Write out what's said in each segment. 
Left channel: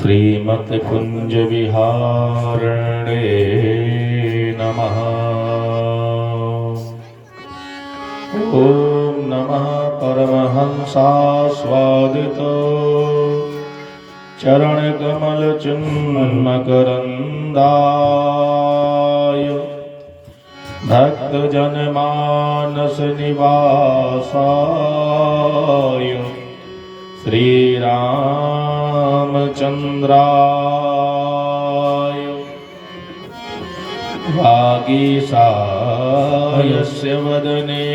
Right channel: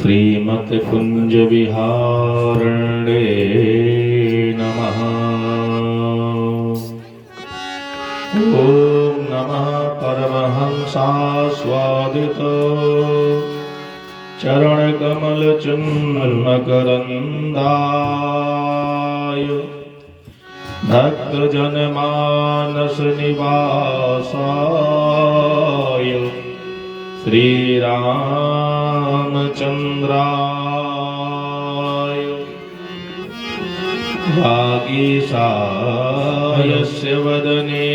श्रीमत्कुञ्ज विहारणे नमः। ॐ नमः परमहंसास्वादित चरणकमलचूर्णकरन्दाय भक्तजनमानसनिवासाय श्रीरामचन्द्राय वागीशायस्य वदने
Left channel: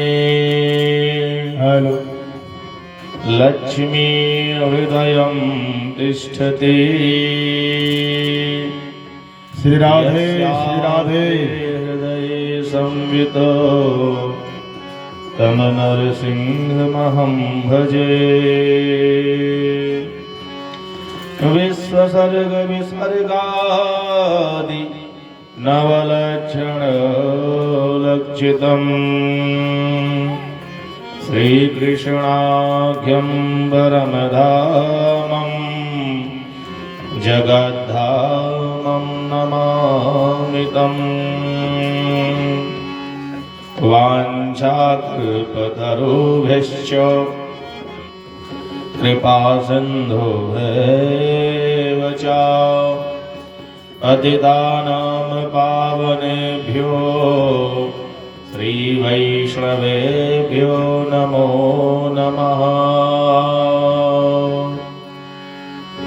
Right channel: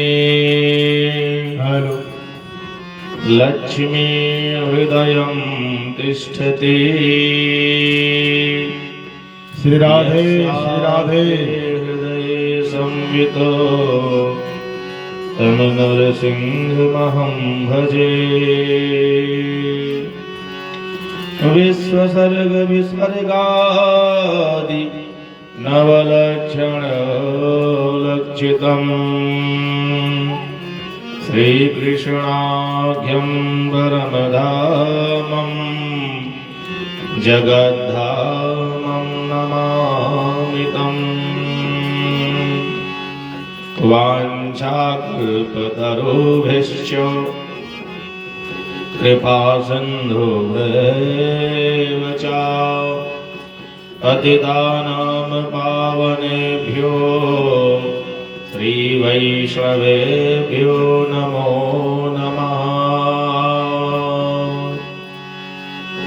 लक्ष्मी हृदयं तिष्ठति। श्री राधे श्री राधे हृदये संवितो तं नरसिंहमहं भजे। विश्वसर्ग विसर्गादि नवलक्षणलक्षितम् श्रीकृष्णाख्यं परमधामं जगद्धामं नमामि तम्। वाञ्छाकल्पतरुभ्यश्च कृपासिन्धुभ्येव च पतितानां पावनेभ्यो श्रीवैष्णवेभ्यो नमो नमः।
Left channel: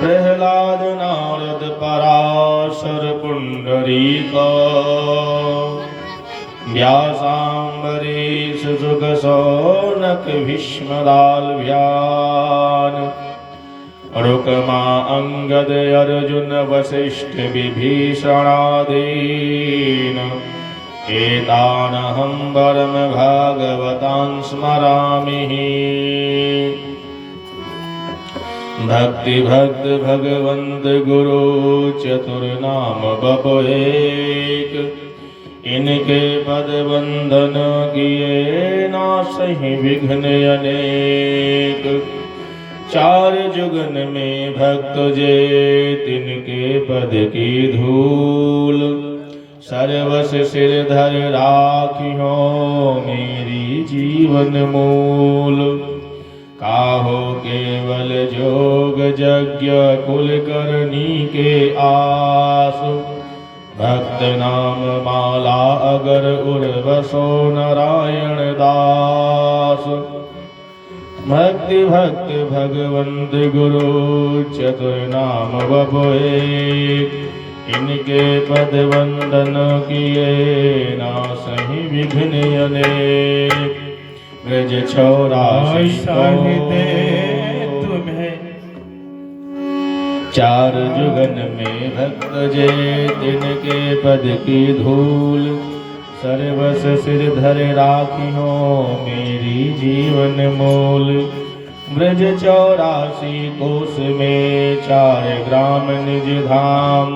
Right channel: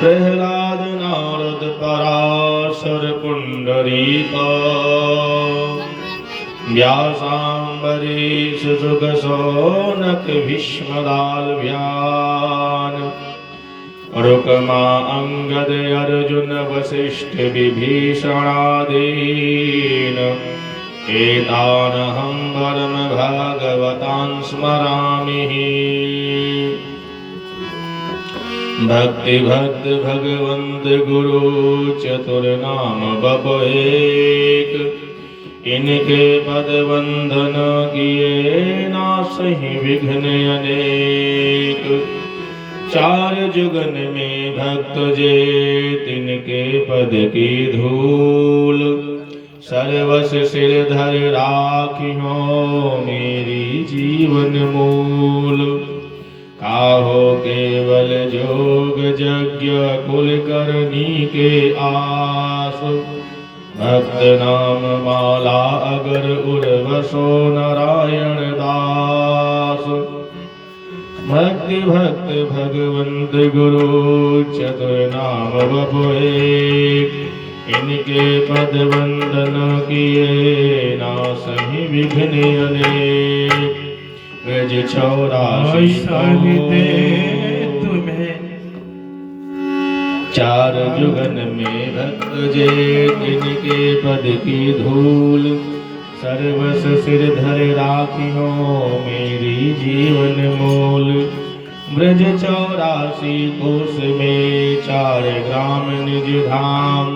प्रह्लाद नारद पराशर पुण्डरीक व्यासाम्बरीश शुक शौनक भीष्मदाल्भ्यान् रुक्मा अंगद अर्जुन वसिष्ठ विभीषणादीन् एतानहं परम भागवतान् स्मरामि। भक्ति भक्त भगवंत गुरु चतुर्नाम बपुएक इनके पद वंदन किए नासहि विघ्न अनेक। चार जुगन में भक्त जे तिनके पद की धूल सर्वस सिर धर राखियो मेरी जीवन मूल। काहो केवल जोग यज्ञ कुल करनी के आस भक्त नाम माला अगर उर्वसो नारायण दास। भक्ति भक्त भगवंत गुरु चतुर्नाम बपुएक इनके पद वंदन किए नासहि विघ्न अनेक। ब्रज चौरासी साहिते तुम्हें चार जुगन में भक्त जे इनके पद की धूल सर्वस सिर धर राखियो मेरी जीवन मूल। ब्रज चौरासी कोस में चार ग्राम निज धाम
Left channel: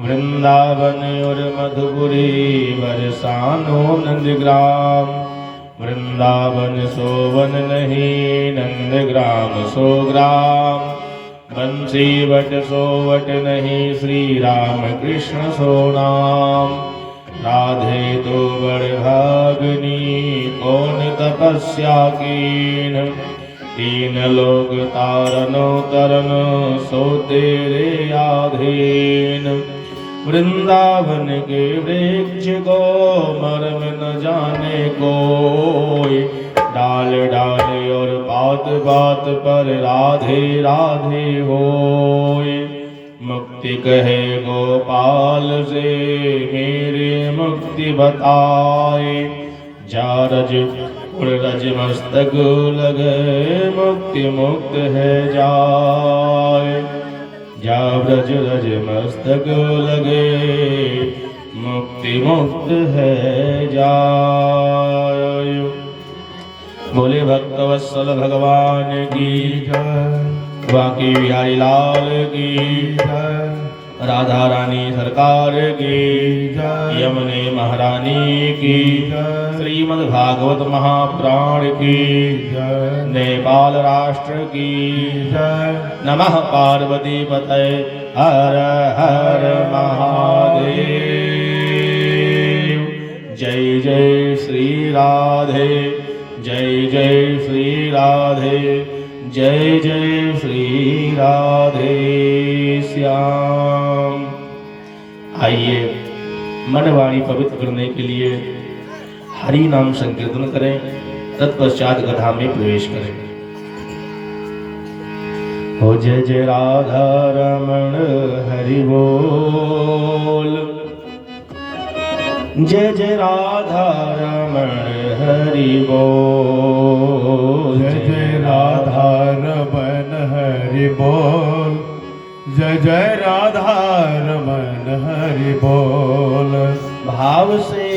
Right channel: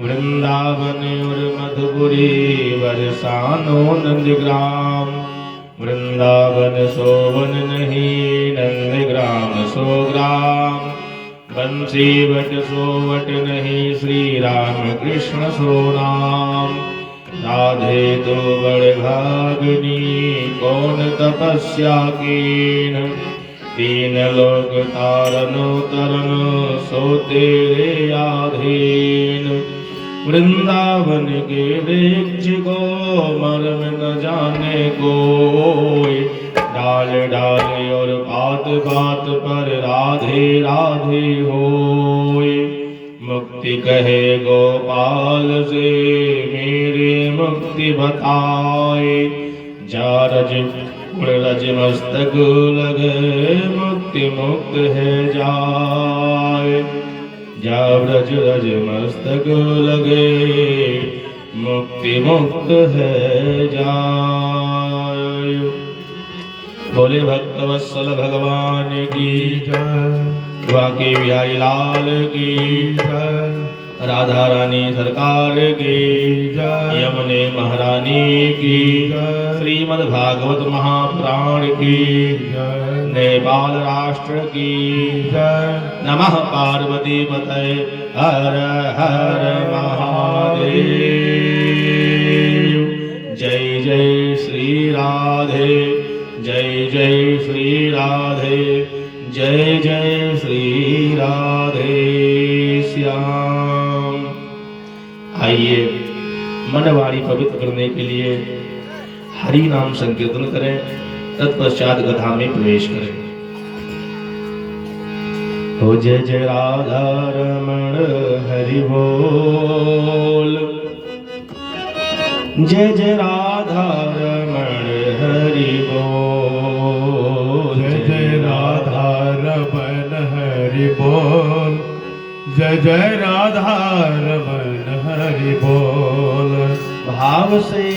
वृंदावन और मधुपुरी बरसानो नंदग्राम। वृंदावन सोवन नहीं नंदग्राम सो ग्राम। बंसी वट सोवट नहीं श्री राम कृष्ण सो नाम। राधे तो बड़ भागनी कौन तपस्या कीन। तीन लोक तारनो तरन सो तेरे आधीन। वृंदावन के वृक्ष को मर्म न जाने कोई। डाल डाल और बात बात पर राधे राधे होए। मुक्ति कहे गोपाल से मेरे मुक्ति बताए। जा रज उड़ रज मस्तक लगे मुक्ति मुक्त है जाए। जा ब्रज रज मस्तक लगे मुक्ति मुक्त है जाए। बोले भक्तवत्सल भगवान की जय। बाकी बिहारी लाल की जय। राधा रानी सरकार की जय। यमुने महारानी की जय। श्रीमद् भागवत महापुराण की जय। नेपाल राष्ट्र की जय। नमः पार्वती पतये हर हर महादेव। जय जय श्री राधे, जय जय श्री राधे, जय जय श्री राधे श्याम। आइए मन वाणी पवित्र करने के लिए हरि नाम संकीर्तन करें, तत्पश्चात कथा में प्रवेश करें। हो जय जय राधा रमण हरि बोल, जय जय राधा रमण हरि बोल, जय जय राधा रमण हरि बोल, जय जय राधा रमण हरि बोल। भाव से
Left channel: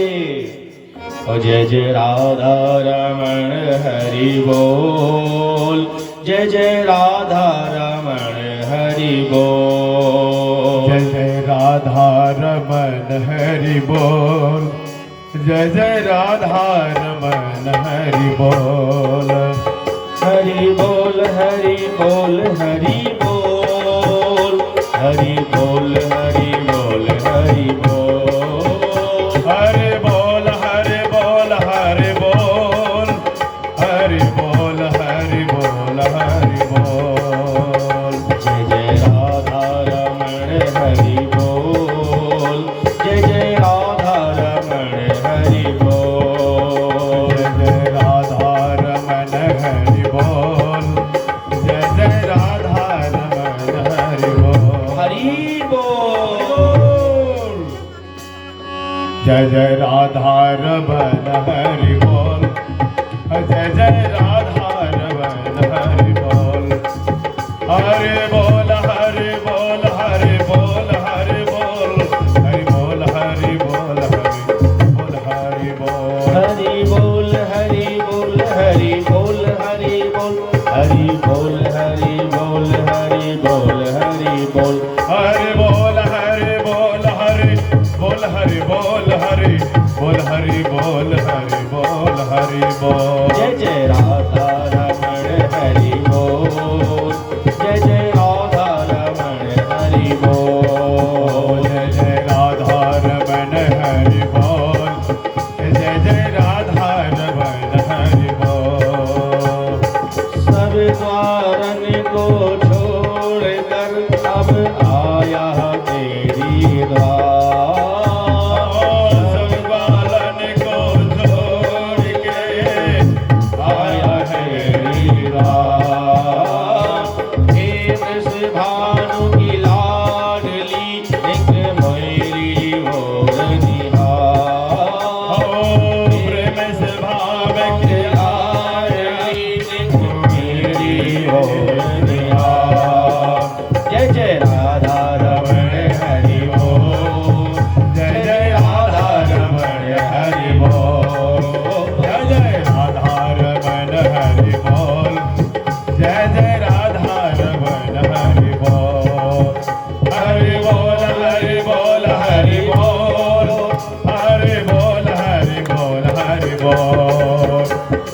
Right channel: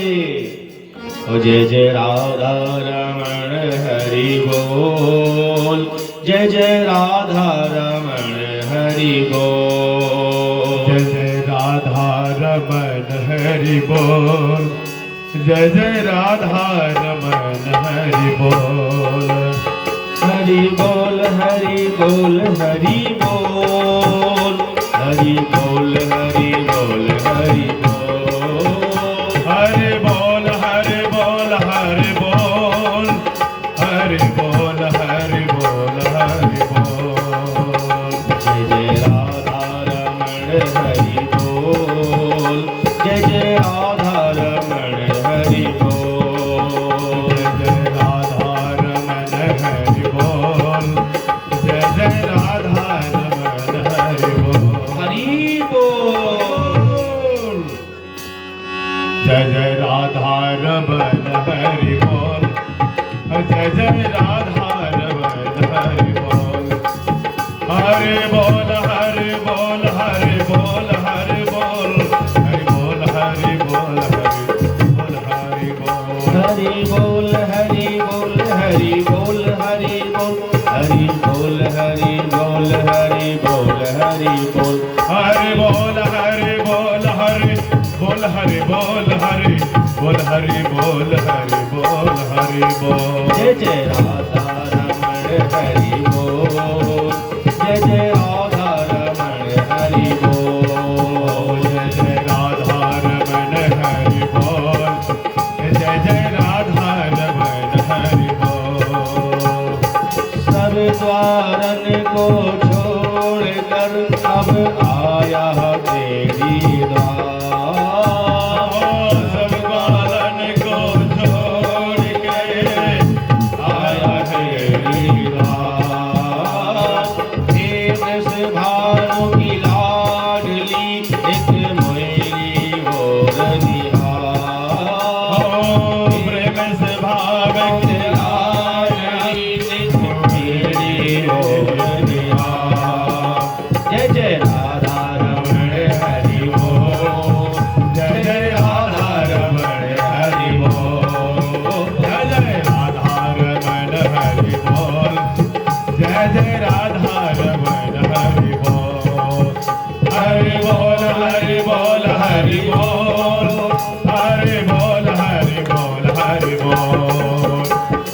ओ जय जय राधा रमण हरि बोल, जय जय राधा रमण हरि बोल, जय जय राधा रमण हरि बोल, जय जय राधा रमण हरि बोल। हरि बोल हरि बोल हरि बोल, हरि बोल हरि बोल हरि बोल, हरि बोल हरि बोल हरि बोल, हरि बोल हरि बोल हरि बोल। जय जय राधा रमण हरि बोल, जय जय राधा रमण हरि बोल, जय जय राधा रमण हरि बोल, जय जय राधा रमण हरि बोल। हरि बोल। जय जय राधा रमण हरि बोल, जय जय राधा रमण हरि बोल। हरि बोल हरि बोल हरि बोल हरि बोल, हरि बोल हरि बोल हरि बोल हरि बोल। हरि बोल हरि बोल हरि बोल हरि बोल, हरि बोल हरि बोल हरि बोल, हरि बोल हरि बोल हरि बोल, हरि बोल हरि बोल हरि बोल हरि बोल हरि बोल हरि बोल। जय जय राधा रमण हरि बोल, जय जय राधा रमण हरि बोल, जय जय राधा रमण हरि बोल, जय जय राधा रमण हरि बोल। सब द्वारन को छोड़कर अब आया तेरी द्वार, सब गालन को छोड़ के आया तेरी द्वार। हे कृष्ण भानु की लाडली एक मोरी और निहार, प्रेम से भाव के लाडली एक मेरी और निहार। जय जय राधा रमण हरि बोल, जय जय राधा रमण हरि बोल, जय जय राधा रमण हरि बोल, जय जय राधा रमण हरि बोल। हरि बोल हरि बोल हरि बोल, हरि बोल हरि बोल हरि बोल,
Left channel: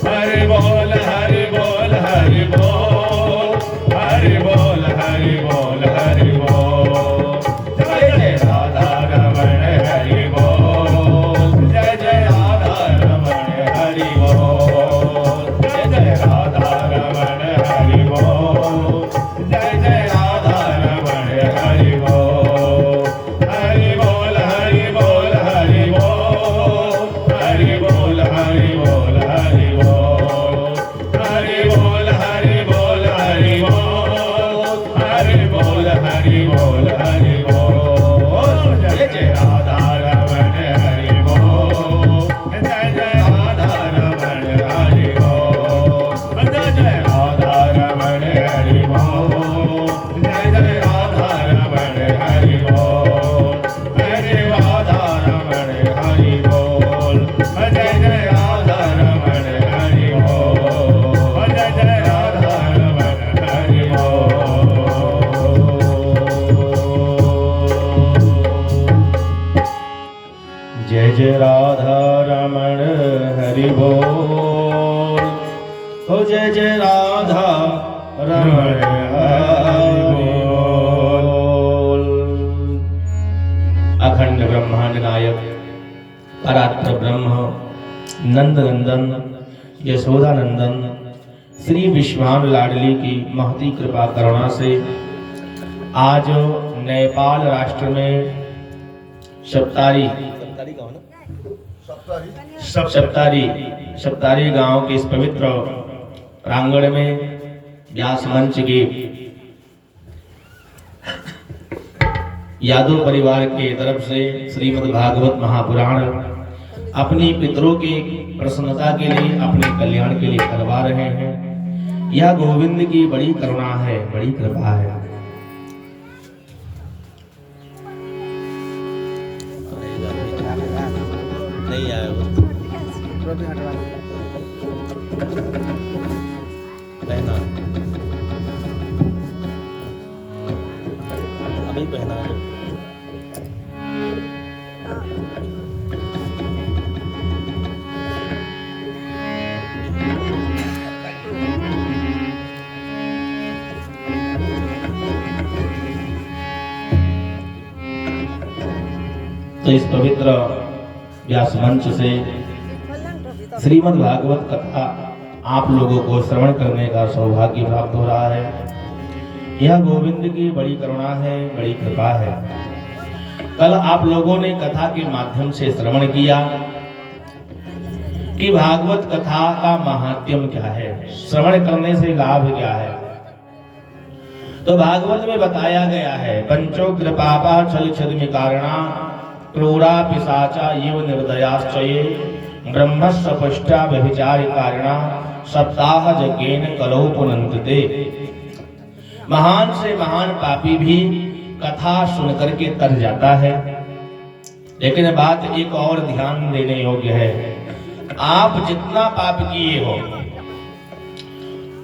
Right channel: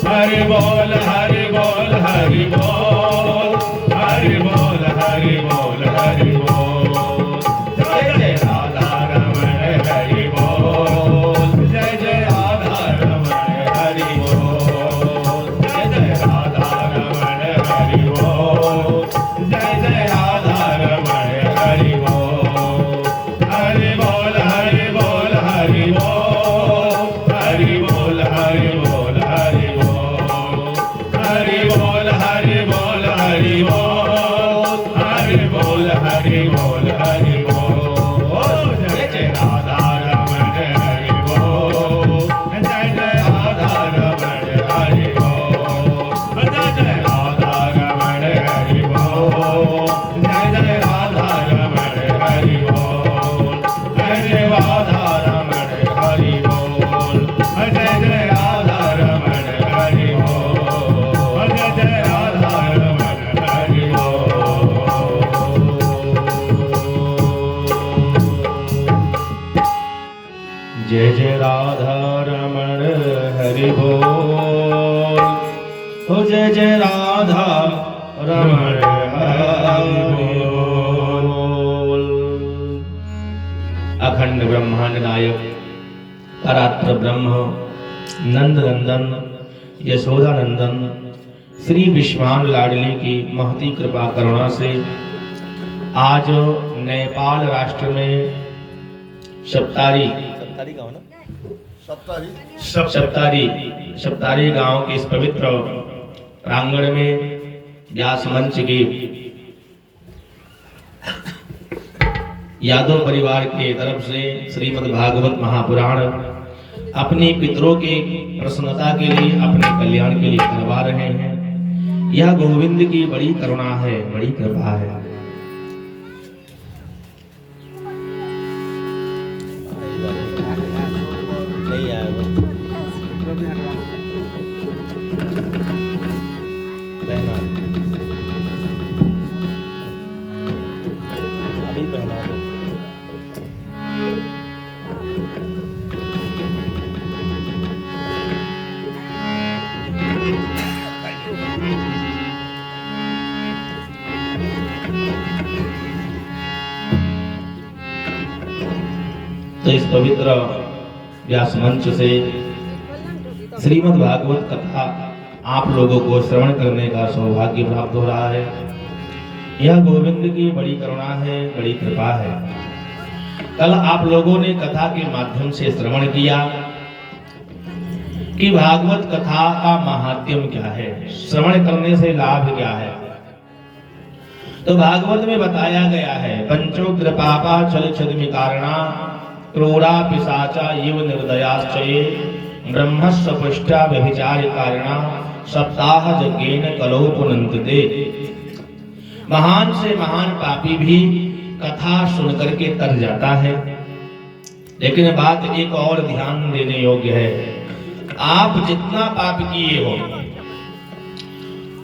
हरि बोल हरि बोल हरि बोल, हरि बोल हरि बोल हरि बोल। जय जय राधा रमण हरि बोल, जय जय राधा रमण हरि बोल, जय जय राधा रमण हरि बोल, जय जय राधा रमण हरि बोल। हरि बोल हरि बोल हरि बोल, हरि बोल हरि बोल हरि बोल, हरि बोल हरि बोल हरि बोल, हरि बोल हरि बोल हरि बोल। जय जय राधा रमण हरि बोल, जय जय राधा रमण हरि बोल, जय जय राधा रमण हरि बोल, जय जय राधा रमण हरि बोल, जय जय राधा रमण हरि बोल, जय जय राधा रमण हरि बोल, जय जय राधा रमण हरि बोल। जय जय राधा रमण हरि बोल, ओ जय जय राधा रमण हरि ब्रह्म नंद नंदन यशोदा नंदन श्री विश्वान लाडली की महती कृपा करुणा से आज नेपाल राष्ट्र में सप्तारी गांव के इस पवित्र प्रांगण में व्यास मंच के यादव परिवार के तरफ से श्रीमद् भागवत महापुराण अपनी पितरों के प्रसन्नता के लिए, अपने कल्याण के लिए करवा रहे हैं। यह गोविंद की बड़ी करुणा है, बड़ी कृपा है। नहीं आया वो पहना अभी पहना दो। तो इस पवित्र व्यास मंच से श्रीमद् भागवत कथा आप लोगों को श्रवण करने का सौभाग्य प्राप्त हो रहा है। यह गोविंद की बड़ी करुणा है, बड़ी कृपा है। कल आप लोगों ने कथा के माध्यम से श्रवण किया कि भागवत कथा का महात्म्य क्या है, श्रवण करने से लाभ क्या है। तो भागवत में बताया गया है पंचोग्र पापा छल छद्म कारणा क्रोरा पिशाचा इव निर्दयाश्चये ब्रह्मस्य पष्टा व्यभिचार कारणा सप्ताह यज्ञेन कलो पुनन्ते। महान से महान पापी भी कथा सुन करके तर जाता है। लेकिन बात एक और ध्यान देने योग्य है, आप जितना पाप किए हो,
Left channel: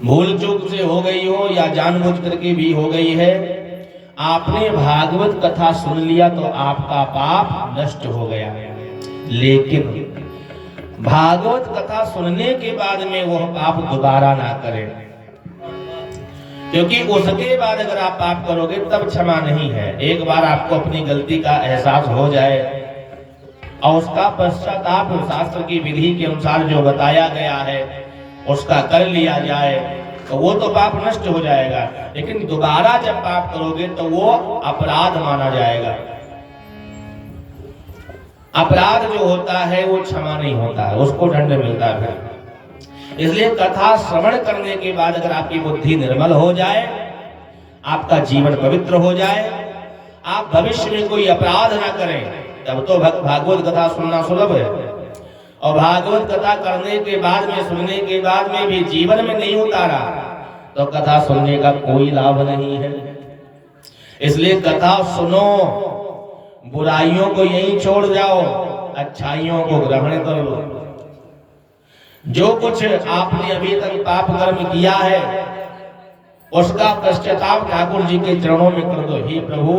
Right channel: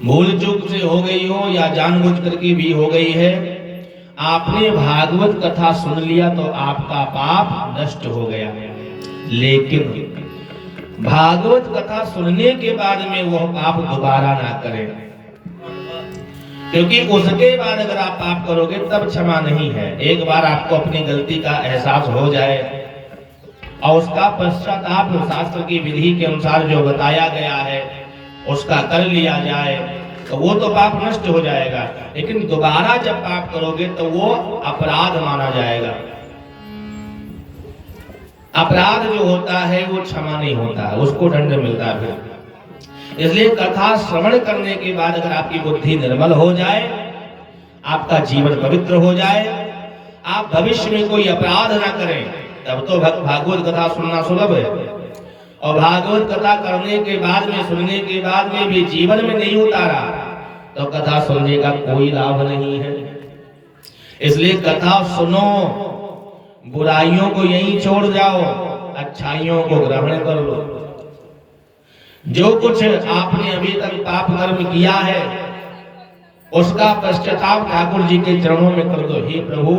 भूल चूक से हो गई हो या जानबूझ करके भी हो गई है, आपने भागवत कथा सुन लिया तो आपका पाप नष्ट हो गया। लेकिन भागवत कथा सुनने के बाद में वो पाप दोबारा ना करें, क्योंकि उसके बाद अगर आप पाप करोगे तब क्षमा नहीं है। एक बार आपको अपनी गलती का एहसास हो जाए और उसका पश्चाताप शास्त्र की विधि के अनुसार जो बताया गया है उसका कर लिया जाए तो वो तो पाप नष्ट हो जाएगा। लेकिन दोबारा जब पाप करोगे तो वो अपराध माना जाएगा। अपराध जो होता है वो क्षमा नहीं होता, उसको दंड मिलता है। इसलिए कथा श्रवण करने के बाद अगर आपकी बुद्धि निर्मल हो जाए, आपका जीवन पवित्र हो जाए, आप भविष्य में कोई अपराध ना करें, तब तो भागवत कथा सुनना सुलभ है। और भागवत कथा करने के बाद में, सुनने के बाद में भी जीवन में नहीं उतारा तो कथा सुनने का कोई लाभ नहीं है। इसलिए कथा सुनो, बुराइयों को यहीं छोड़ जाओ, अच्छाइयों को ग्रहण कर लो। जो कुछ आपने अभी तक पाप कर्म किया है उसका पश्चाताप ठाकुर जी के चरणों में कर दो। हे प्रभु,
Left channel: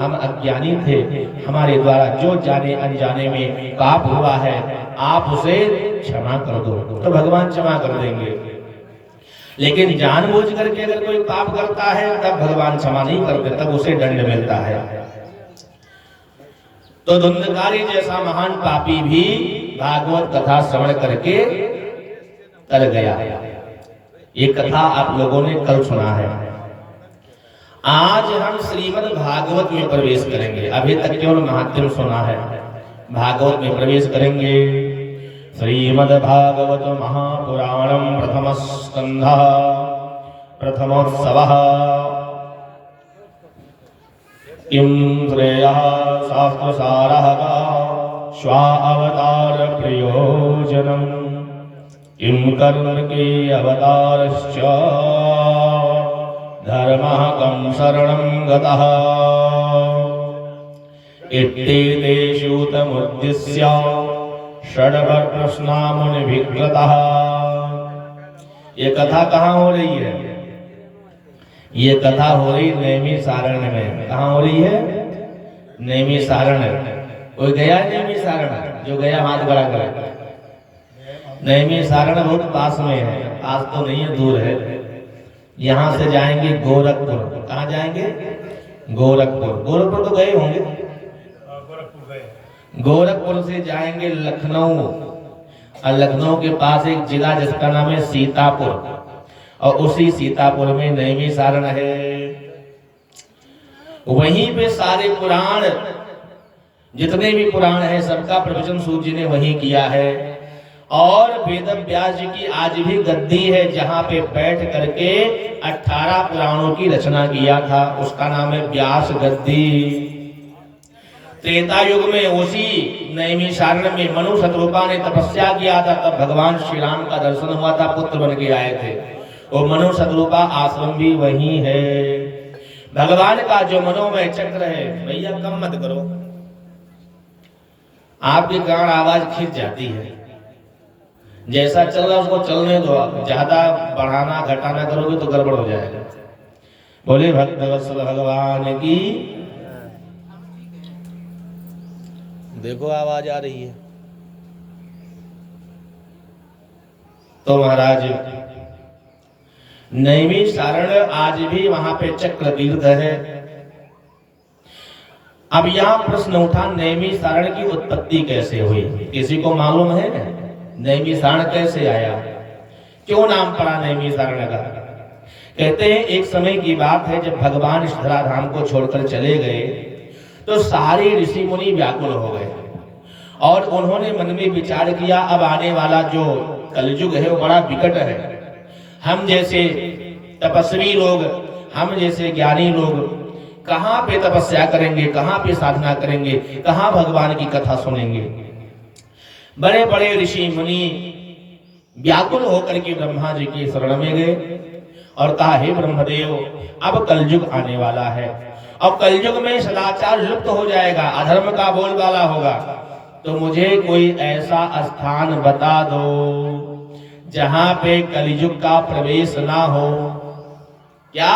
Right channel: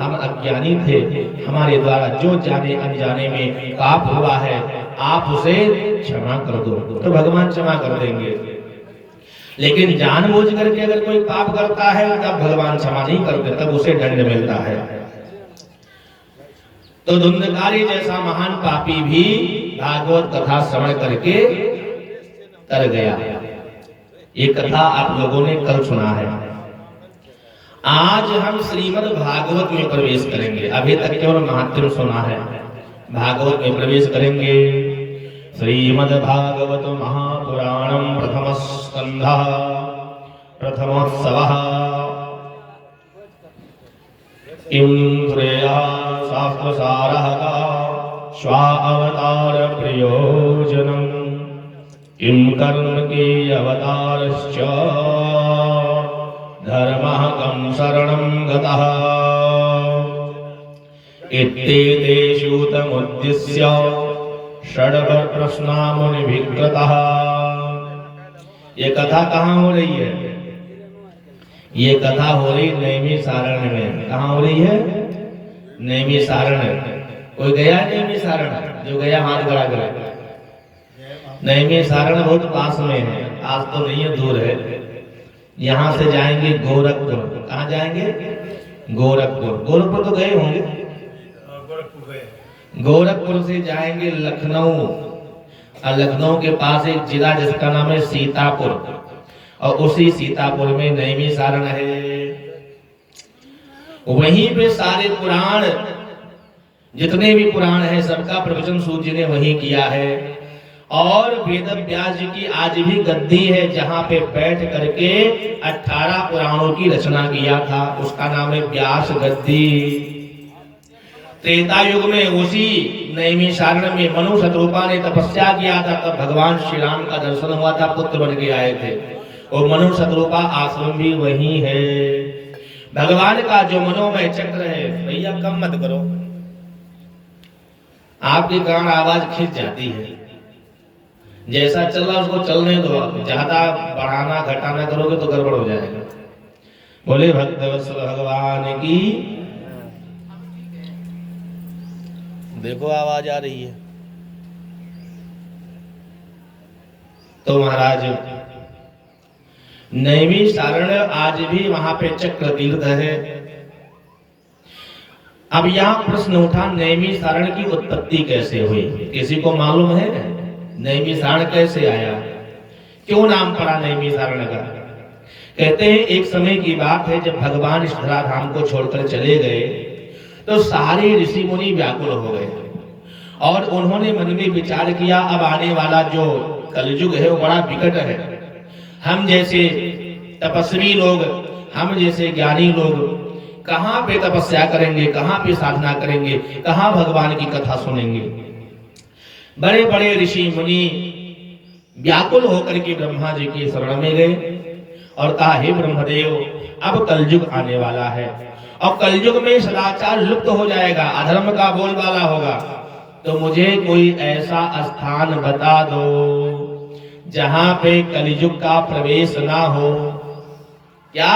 हम अज्ञानी थे, हमारे द्वारा जो जाने अनजाने में पाप हुआ है आप उसे क्षमा कर दो, तो भगवान क्षमा कर देंगे। लेकिन जानबूझ करके अगर कोई पाप करता है तब भगवान क्षमा नहीं करते, तब उसे दंड मिलता है। तो धुंधकारी जैसा महान पापी भी भागवत कथा श्रवण करके तर गया। ये कथा आप लोगों ने कल सुना है। आज हम श्रीमद् भागवत में प्रवेश करेंगे। अभी तक केवल महात्म्य सुना है, भागवत में प्रवेश करेंगे। श्रीमद् भागवत महापुराणम प्रथम स्कंधः प्रथमोत्सवः किं श्रेयः शास्त्रसारः स्वावतार प्रयोजनम् किं कर्म के अवतारश्च धर्मः कं शरणं गतः इत्येतेषु तमुद्दिश्य षड्प्रश्ना मुनिभिर्गतः। ये कथा कहाँ हो रही है? ये कथा हो रही नैमिषारण्य में। कहाँ हो रही है? नैमिषारण्य। कोई गया नैमिषारण्य? जो गया हाथ खड़ा करे। नैमिषारण्य बहुत पास में है, पास तो नहीं है, दूर है। यहाँ से जाएंगे गोरखपुर। कहाँ जाएंगे? गोरखपुर। गोरखपुर तो गए होंगे? गोरखपुर से जाएंगे लखनऊ, और लखनऊ के पास एक जिला जिसका नाम है सीतापुर, और उसी सीतापुर में नैमिषारण है। वहीं पे सारे पुराण, जितने भी पुराण है, सबका प्रवचन सूत जी ने वहीं किया है। और वेद व्यास जी की आज भी गद्दी है जहां पे बैठ करके 18 पुराणों की रचना किया था, उसका नाम है व्यास गद्दी। त्रेता युग में उसी नैमिषारण्य में मनु शतरूपा ने तपस्या किया था, तब भगवान श्री राम का दर्शन हुआ था, पुत्र बन के आए थे। वो मनु शतरूपा आश्रम भी वही है। भगवान का जो मनोमय चक्र है, भैया कम मत करो, आपके कारण आवाज खिंच जाती है। जैसा चल रहा उसको चलने दो, ज्यादा बढ़ाना घटाना करोगे तो गड़बड़ हो जाएगा। बोले भक्तवत्सल भगवान की। देखो आवाज आ रही है। तो महाराज नैमिषारण आज भी वहां पे चक्र तीर्थ है। अब यहाँ प्रश्न उठा, नैमिषारण की उत्पत्ति कैसे हुई? किसी को मालूम है नैमिषारण कैसे आया, क्यों नाम पड़ा नैमिषारण का? कहते हैं एक समय की बात है, जब भगवान इस धराधाम को छोड़कर चले गए तो सारे ऋषि मुनि व्याकुल हो गए और उन्होंने मन में विचार किया, अब आने वाला जो कलयुग है वो बड़ा विकट है। हम जैसे तपस्वी लोग, हम जैसे ज्ञानी लोग कहाँ पे तपस्या करेंगे, कहाँ पे साधना करेंगे, कहाँ भगवान की कथा सुनेंगे? बड़े बड़े ऋषि मुनि व्याकुल होकर के ब्रह्मा जी के शरण में गए और कहा, हे ब्रह्मदेव, अब कलयुग आने वाला है और कलयुग में सदाचार लुप्त हो जाएगा, अधर्म का बोलबाला होगा, तो मुझे कोई ऐसा स्थान बता दो जहां पे कलयुग का प्रवेश ना हो। क्या?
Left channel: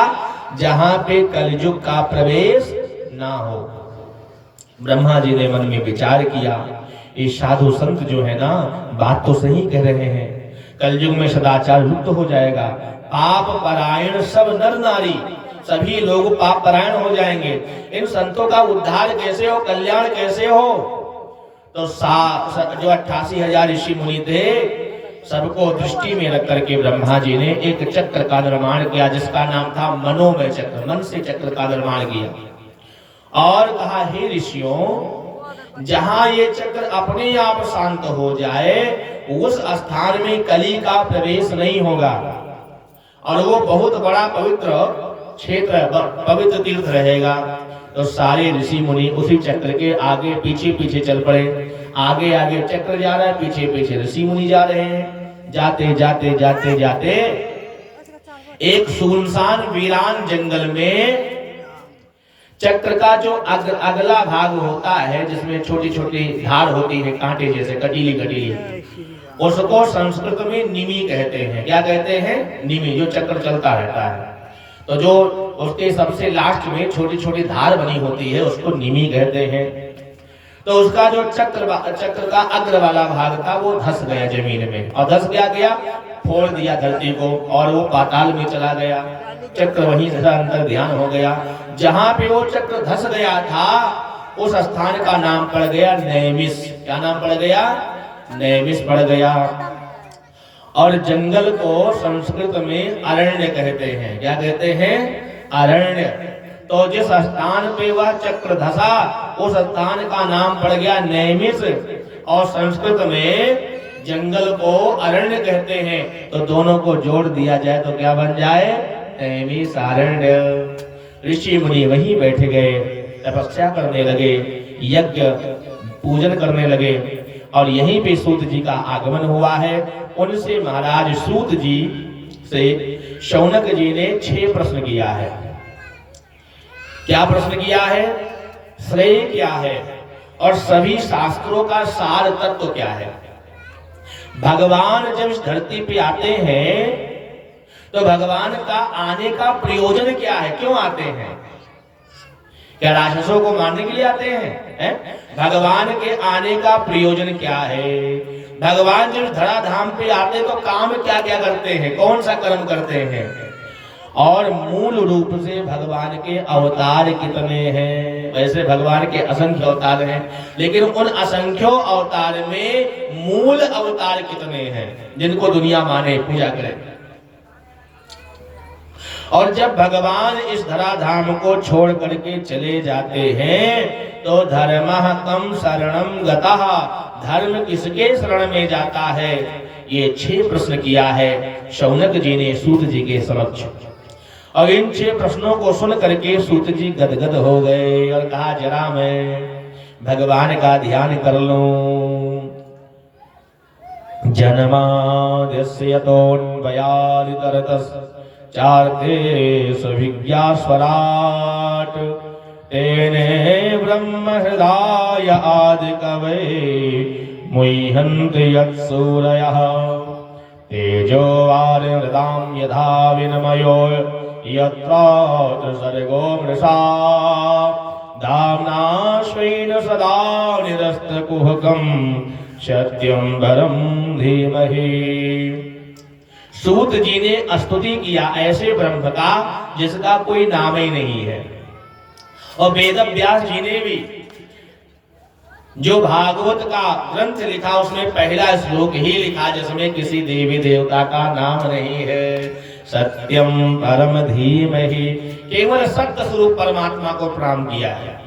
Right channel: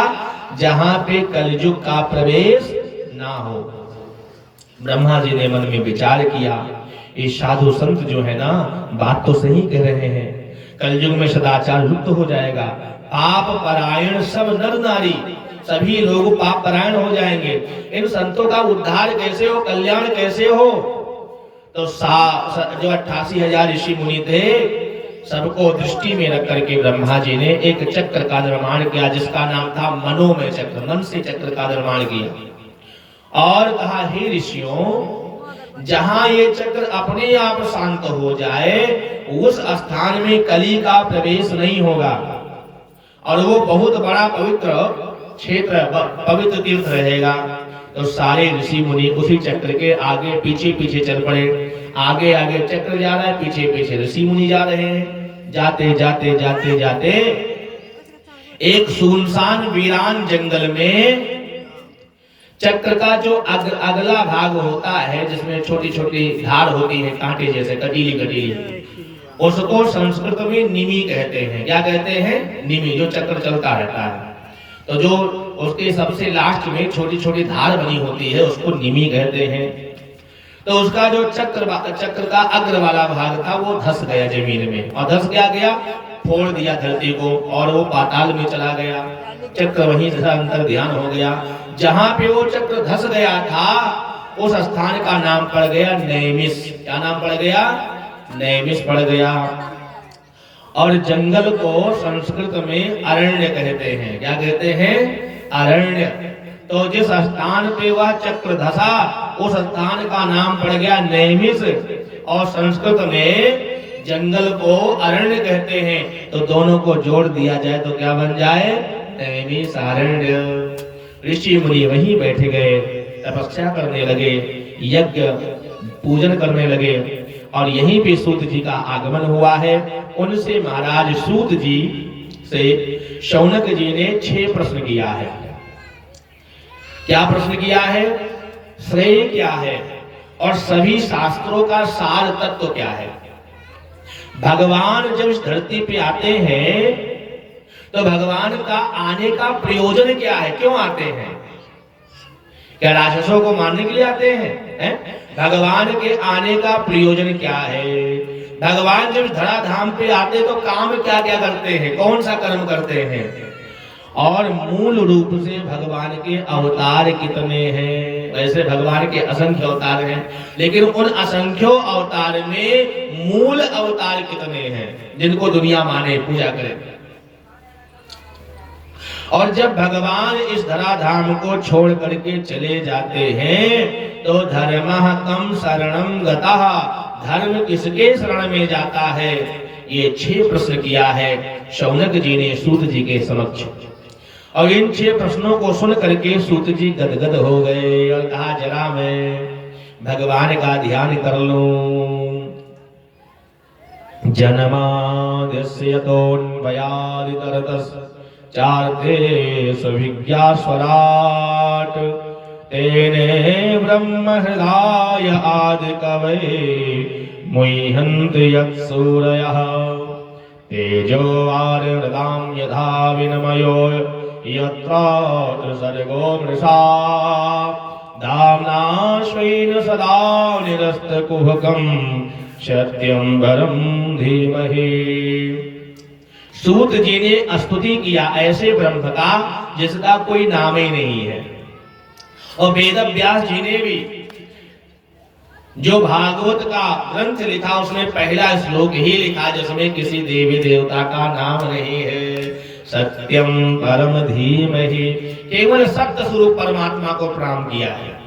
जहां पे कलयुग का प्रवेश ना हो। ब्रह्मा जी ने मन में विचार किया, ये साधु संत जो है ना, बात तो सही कह रहे हैं, कलयुग में सदाचार लुप्त हो जाएगा, पाप परायण सब नर नारी, सभी लोग पाप परायण हो जाएंगे, इन संतों का उद्धार कैसे हो, कल्याण कैसे हो? तो जो 88,000 ऋषि मुनि थे, सबको दृष्टि में रख करके ब्रह्मा जी ने एक चक्र का निर्माण किया जिसका नाम था मनोमय चक्र। मन से चक्र का निर्माण किया और कहा, हे ऋषियों, जहां ये चक्र अपने आप शांत हो जाए उस स्थान में कली का प्रवेश नहीं होगा और वो बहुत बड़ा पवित्र क्षेत्र, पवित्र तीर्थ रहेगा। तो सारे ऋषि मुनि उसी चक्र के आगे पीछे पीछे चल पड़े। आगे आगे चक्र जा रहा है, पीछे पीछे ऋषि मुनि जा रहे हैं। जाते जाते जाते जाते एक सुनसान वीरान जंगल में चक्र का जो अगला भाग होता है, जिसमें छोटी छोटी धार होती है, कांटे जैसे कटीली कटीली, उसको संस्कृत में निमि कहते हैं। क्या कहते हैं? निमि, जो चक्र चलता रहता है। तो जो उसके सबसे लास्ट में छोटी छोटी धार बनी होती है उसको निमि कहते हैं। तो उसका जो चक्र का अग्र वाला भाग था वो धस गया जमीन में, और धस क्या गया, फोड़ दिया धरती को और वो पाताल में चला गया। चक्र वहीं से अंतर ध्यान हो गया। जहां पे वो चक्र धस गया था उस स्थान का नाम पड़ गया नैमिष। क्या नाम पड़ गया? नैमिष पड़ गया। और जंगल को संस्कृत में अरण्य कहते हैं। क्या कहते हैं? अरण्य। तो जिस स्थान पे वह चक्र धसा उस स्थान का नाम पड़ गया नैमिष, और संस्कृत में जंगल को अरण्य कहते हैं। तो दोनों को जोड़ दिया जाए तो क्या बन जाए? नैमिषारण्य। ऋषि मुनि वहीं बैठे गए, तपस्या करने लगे, यज्ञ पूजन करने लगे, और यहीं पे सूत जी का आगमन हुआ है। उनसे महाराज सूत जी से शौनक जी ने 6 प्रश्न किया है। क्या प्रश्न किया है? श्रेय क्या है और सभी शास्त्रों का सार तत्व क्या है? भगवान जब इस धरती पे आते हैं तो भगवान का आने का प्रयोजन क्या है? क्यों आते हैं? क्या राक्षसों को मारने के लिए आते हैं? भगवान के आने का प्रयोजन क्या है? भगवान जब धराधाम पे आते तो काम क्या क्या करते हैं, कौन सा कर्म करते हैं? और मूल रूप से भगवान के अवतार कितने हैं। वैसे भगवान के असंख्य अवतार हैं, लेकिन उन असंख्यों अवतार में मूल अवतार कितने हैं जिनको दुनिया माने, पूजा करे। और जब भगवान इस धराधाम को छोड़ करके चले जाते हैं तो धर्मः कम शरणं गतः, धर्म किसके शरण में जाता है, ये 6 प्रश्न किया है शौनक जी ने सूत जी के समक्ष। और इन 6 प्रश्नों को सुन करके सूत जी गदगद हो गए और कहा जरा मैं भगवान का ध्यान कर लूं। जन्माद्यस्य यतोऽन्वयादितरतश्च चार्थे विज्ञास्वराट् तेने ब्रह्म हृदय आदिकवये मुह्यन्ति यत्सूरयः तेजो वारिमृतां यथा विनिमयो यत्र सर्गो मृषा दाम्ना स्वेन सदा निरस्तकुहकं सत्यं परं धीमहि। सूत जी ने स्तुति किया ऐसे ब्रह्म का जिसका कोई नाम ही नहीं है। और वेद व्यास जी ने भी जो भागवत का ग्रंथ लिखा उसमें पहला श्लोक ही लिखा जिसमें किसी देवी देवता का नाम नहीं है। सत्यम परम धीमहि, केवल सत्य स्वरूप परमात्मा को प्रणाम किया है।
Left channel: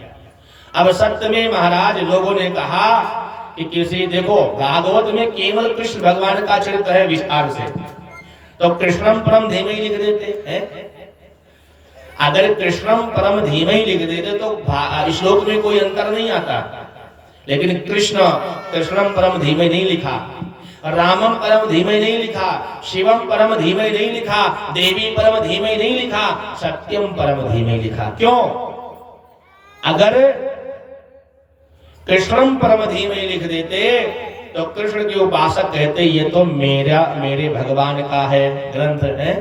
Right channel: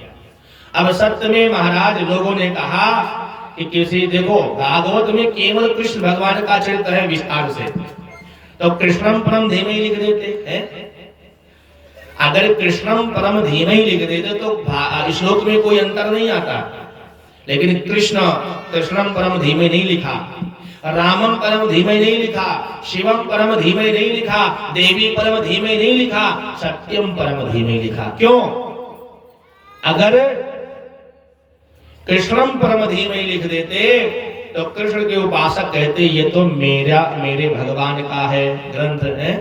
अब सत्य में महाराज लोगों ने कहा कि किसी, देखो भागवत में केवल कृष्ण भगवान का चरित्र है विस्तार से, तो कृष्णम परम धीमहि लिख देते हैं। अगर कृष्णम परम धीमहि लिख देते तो श्लोक में कोई अंतर नहीं आता, लेकिन कृष्णम परम धीमहि नहीं लिखा, रामम परम धीमहि नहीं लिखा, शिवम परम धीमहि नहीं लिखा, देवी परम धीमहि नहीं लिखा, सत्यम परम धीमहि लिखा। क्यों? अगर कृष्णम परम धीमहि लिख देते तो कृष्ण के उपासक कहते ये तो मेरे भगवान का है ग्रंथ है,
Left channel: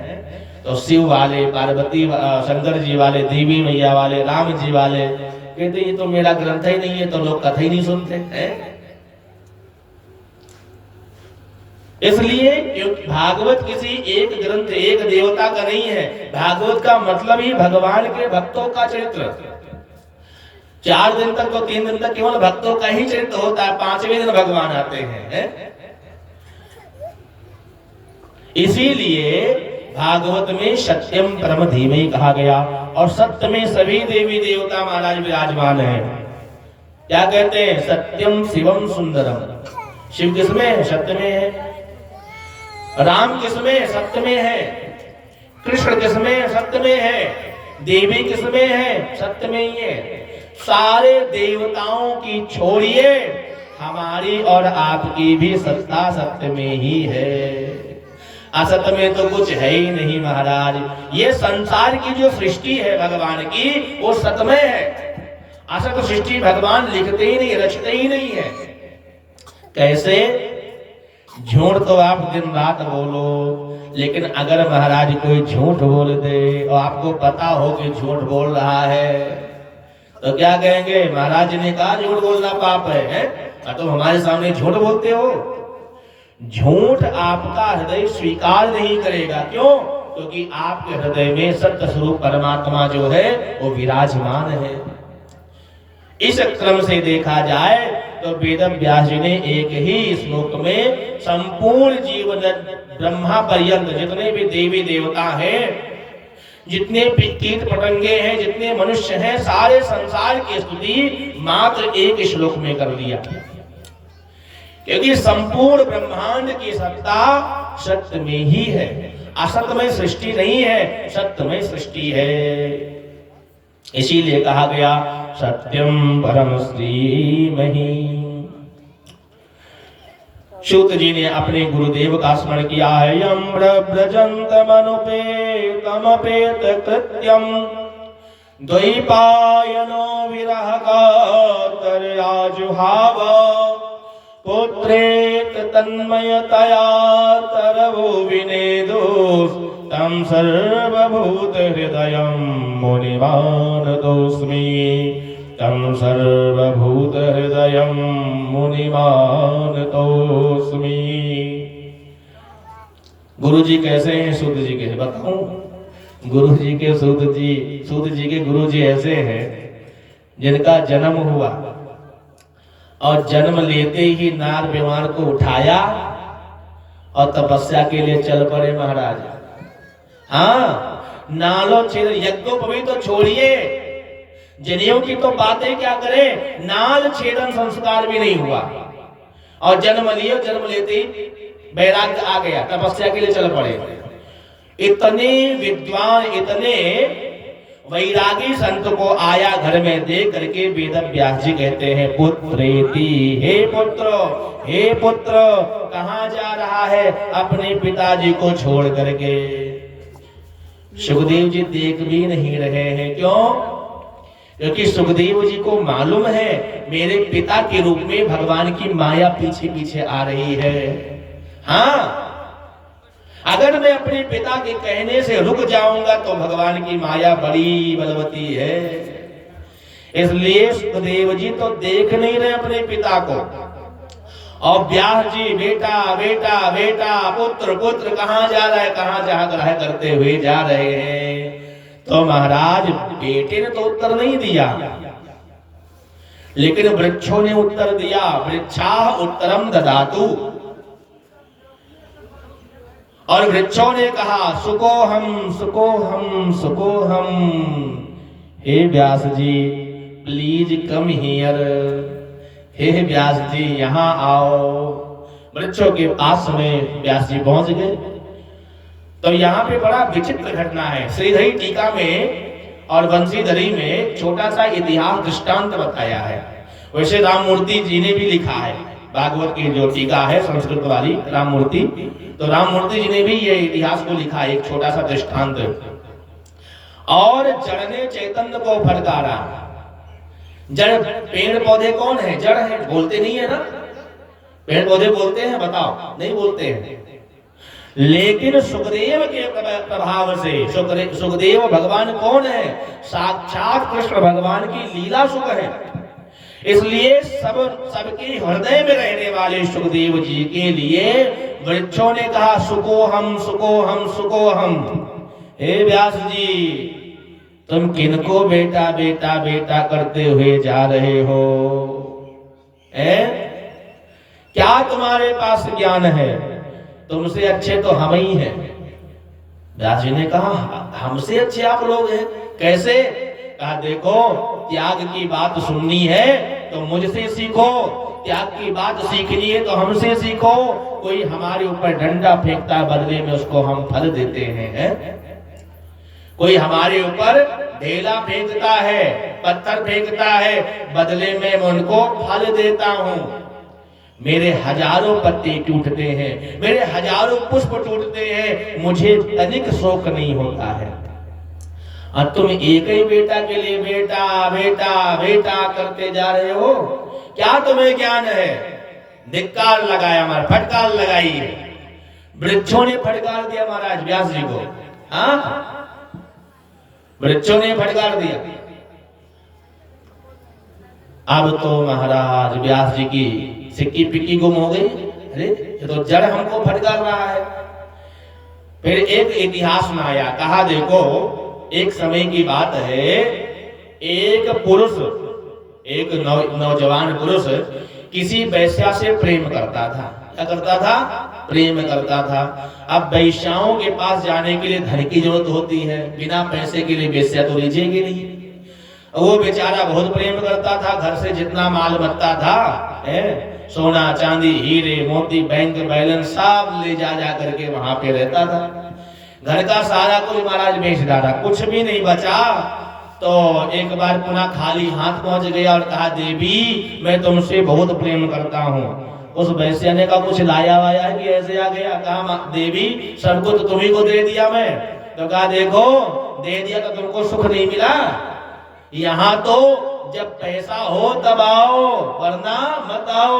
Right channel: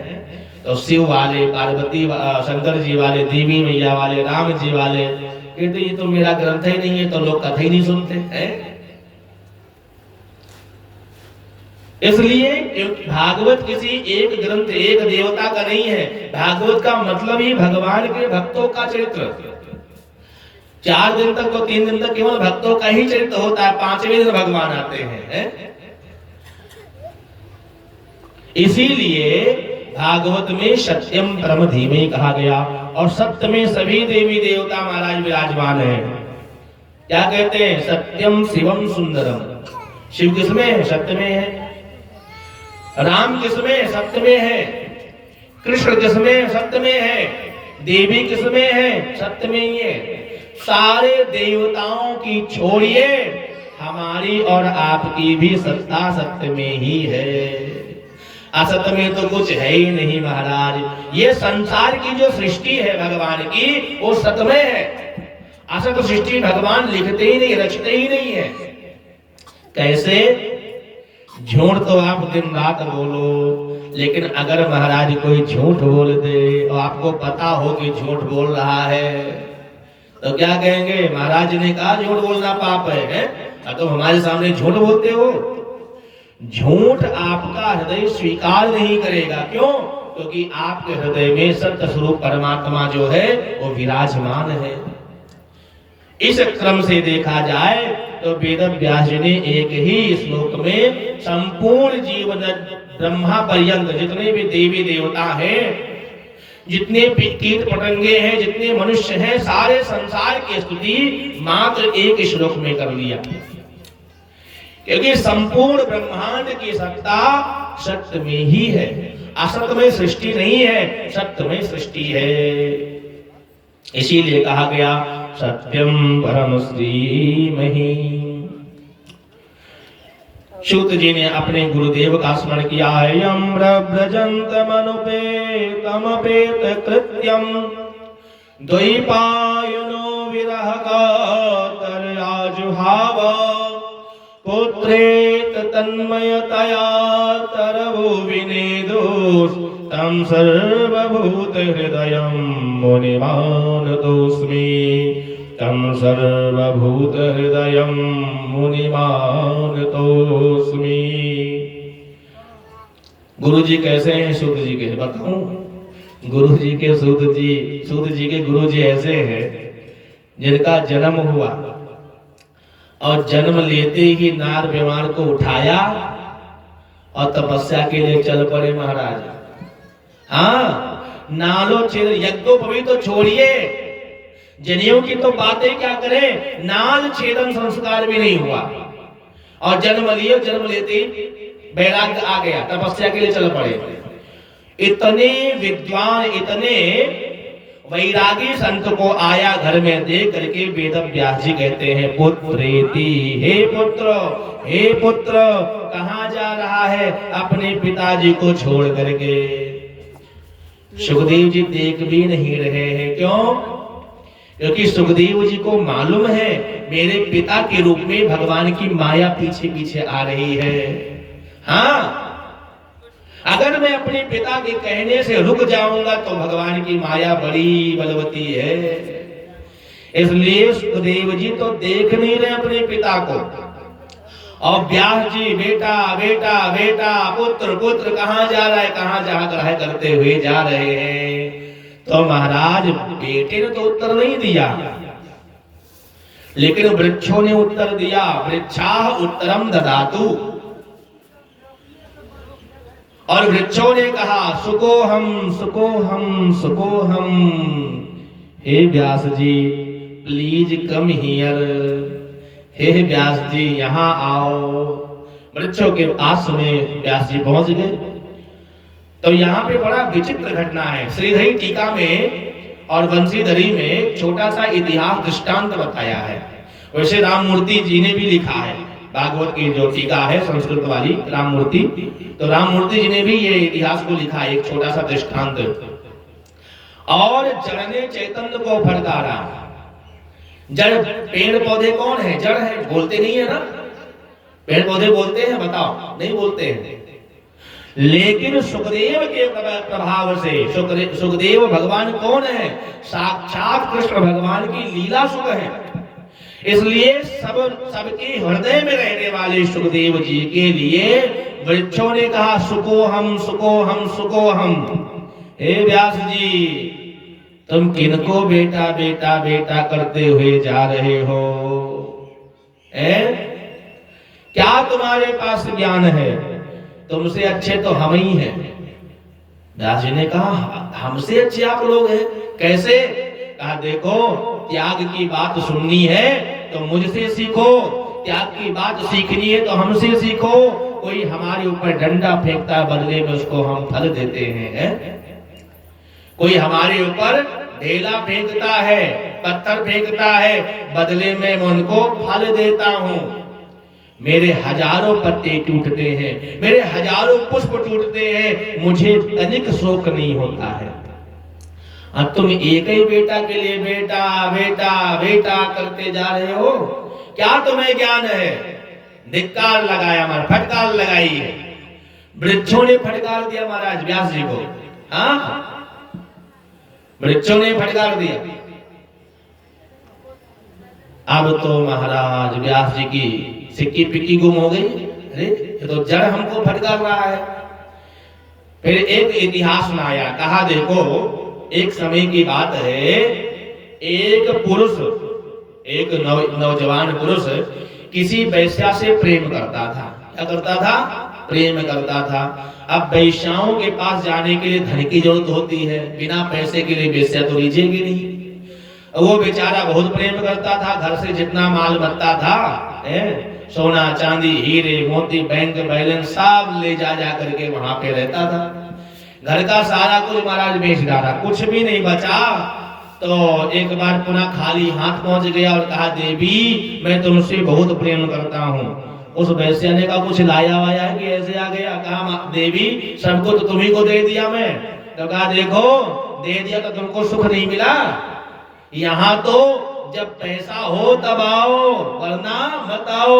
तो शिव वाले, पार्वती, शंकर जी वाले, देवी मैया वाले, राम जी वाले कहते ये तो मेरा ग्रंथ ही नहीं है, तो लोग कथा ही नहीं सुनते हैं। इसलिए क्योंकि भागवत किसी एक ग्रंथ, एक देवता का नहीं है। भागवत का मतलब ही भगवान के भक्तों का चरित्र। 4 दिन तक तो 3 दिन तक केवल भक्तों का ही चरित्र होता है, 5वें दिन भगवान आते हैं। इसीलिए भागवत में सत्यम परम धीमहि कहा गया। और सत्य में सभी देवी देवता महाराज विराजमान हैं। क्या कहते हैं? सत्यम शिवम सुंदरम। शिव किसमें है? सत्य में है। राम किसमें है? सत्य में है। कृष्ण किसमें? सत्य में है। देवी किसमें है? सत्य में ही है। सारे देवताओं की छोड़िए, हमारी और आपकी भी सत्ता सत्य में ही है। असत में तो कुछ है ही नहीं महाराज। ये संसार की जो सृष्टि है भगवान की, वो सत्य में है। असत सृष्टि भगवान लिखते ही नहीं, रचते ही नहीं है। कैसे? झूठ तो आप दिन रात बोलो, लेकिन अगर महाराज कोई झूठ बोल दे और आपको पता हो कि झूठ बोल रहा है तो क्या कहेंगे? महाराज ने कहा झूठ बोलना पाप है? तो हमारे सामने झूठ बोलते हो। झूठ आपका हृदय स्वीकार नहीं करेगा। क्यों? क्योंकि आपके हृदय में सत्य स्वरूप परमात्मा जो है वो विराजमान है। इस क्रम से देखा जाए तो वेद व्यास जी ने एक ही श्लोक में संपूर्ण जीवन ब्रह्मा पर्यंत जितने भी देवी देवता हैं, जितने कीट पतंगे हैं, जितने मनुष्य हैं, सारे संसार की स्तुति मात्र एक श्लोक में कर लिया। क्योंकि संपूर्ण ब्रह्मांड की सत्ता सत्य में ही है। असत में सृष्टि नहीं है, सत्य में सृष्टि है। इसीलिए कहा गया सत्यम परम धीमहि। सूत जी ने अपने गुरुदेव का स्मरण किया है। यम ब्रजंतमनुपेतमपेत कृत्यम द्वैपायनो विरह कातराजुहाव पुत्रेत तन्मयतया तरवो विनेदुस तं सर्वभूत हृदयं मुनिमानतोऽस्मि, तं सर्वभूत हृदयं मुनिमानतोऽस्मि। गुरु जी कैसे हैं? सूत जी कैसे बताऊं? गुरु जी के सूत जी के गुरु जी ऐसे हैं जिनका जन्म हुआ और जन्म लेते ही नार विमान को उठाया और तपस्या के लिए चल पड़े महाराज। हाँ, नालो छेद यज्ञोपवी तो छोड़िए, जनेऊ की तो बातें क्या करें, नाल छेदन संस्कार भी नहीं हुआ और जन्म लिए, जन्म लेते ही वैराग्य आ गया, तपस्या के लिए चल पड़े। इतने विद्वान, इतने वैरागी संत को आया घर में देख करके वेद व्यास जी कहते हैं पुत्रेति, हे पुत्र कहाँ जा रहा है अपने पिताजी को छोड़ करके। सुखदेव जी देख भी नहीं रहे हैं, क्यों? क्योंकि सुखदेव जी को मालूम है मेरे पिता के रूप में भगवान की माया पीछे पीछे आ रही है। हाँ, अगर मैं अपने पिता के कहने से रुक जाऊंगा तो भगवान की माया बड़ी बलवती है। इसलिए सुखदेव जी तो देख नहीं रहे अपने पिता को, और व्यास जी बेटा बेटा बेटा, पुत्र पुत्र कहाँ जा रहा है, कहाँ जा रहा है करते हुए जा रहे हैं। तो महाराज बेटे ने तो उत्तर नहीं दिया, लेकिन वृक्षों ने उत्तर दिया। वृक्षाः उत्तरम ददातु, और वृक्षों ने कहा सुकोहम सुकोहम सुकोहम। हे व्यास जी प्लीज कम हियर, हे व्यास जी यहाँ आओ। वृक्षों के पास में व्यास जी पहुंच गए। तो यहाँ पे बड़ा विचित्र घटना है। श्रीधरी टीका में और बंसीधरी में छोटा सा इतिहास दृष्टांत बताया है। वैसे राममूर्ति जी ने भी लिखा है, भागवत की जो टीका है संस्कृत वाली राममूर्ति, तो राममूर्ति जी ने भी ये इतिहास को लिखा है, एक छोटा सा दृष्टांत। और जड़ ने चैतन्य को फटकारा। जड़, पेड़ पौधे कौन है? जड़ है, बोलते नहीं है ना। पेड़ पौधे बोलते हैं? बताओ, नहीं बोलते हैं। लेकिन सुखदेव के प्रभाव से, सुखदेव भगवान कौन है? साक्षात कृष्ण भगवान की लीला सुख है। इसलिए सबके हृदय में रहने वाले सुखदेव जी के लिए वृक्षों ने कहा सुकोहम सुकोहम सुकोहम। हे व्यास जी तुम किनको बेटा बेटा बेटा करते हुए जा रहे हो? क्या तुम्हारे पास ज्ञान है? तुमसे अच्छे तो हम ही हैं। व्यास जी ने कहा हमसे अच्छे आप लोग हैं? कैसे? कहा देखो, त्याग की बात सुननी है तो मुझसे सीखो, त्याग की बात सीखनी है तो हमसे सीखो। कोई हमारे ऊपर डंडा फेंकता है, बदले में उसको हम फल देते हैं। कोई हमारे ऊपर ढेला फेंकता है, पत्थर फेंकता है, बदले में मैं उनको फल देता हूं। मेरे हजारों पत्ते टूटते हैं, मेरे हजारों पुष्प टूटते हैं, मुझे तनिक शोक नहीं होता है। अब तुम एक ही बेटा के लिए बेटा बेटा बेटा करते जा रहे हो, क्या तुम्हें ज्ञान है? धिक्कार लगाया, हमारा फटकार लगाई है। वृक्षों ने फटकार दिया महाराज व्यास जी को। हाँ, वृक्षों ने फटकार दिया। अब तो महाराज व्यास जी की सिक्की पिक्की गुम हो गई। अरे ये तो जड़ हमको फटकार रहा है। फिर एक इतिहास में आया, कहा देखो एक समय की बात है, एक पुरुष, एक नौजवान पुरुष किसी वैश्या से प्रेम करता था। क्या करता था? प्रेम करता था। अब वैश्याओं के पास जाने के लिए धन की जरूरत होती है, बिना पैसे के लिए वैश्या तो लीजिएगी नहीं। वो बेचारा बहुत प्रेम करता था, घर से जितना माल बनता था, सोना चांदी हीरे मोती बैंक बैलेंस सब ले जा करके वहां पे रहता था। घर का सारा कुछ महाराज बेच डाला, कुछ भी नहीं बचा। तो एक बार पुनः खाली हाथ पहुंच गया और कहा देवी मैं तुमसे बहुत प्रेम करता हूँ। उस वैश्य ने कहा कुछ लाया वाया है कि ऐसे आ गया? कहा देवी सबको तो तुम्ही को दे दिया मैं। तो कहा देखो दे दिया तो तुमको सुख नहीं मिला, यहाँ तो जब पैसा हो तब आओ वरना मत आओ।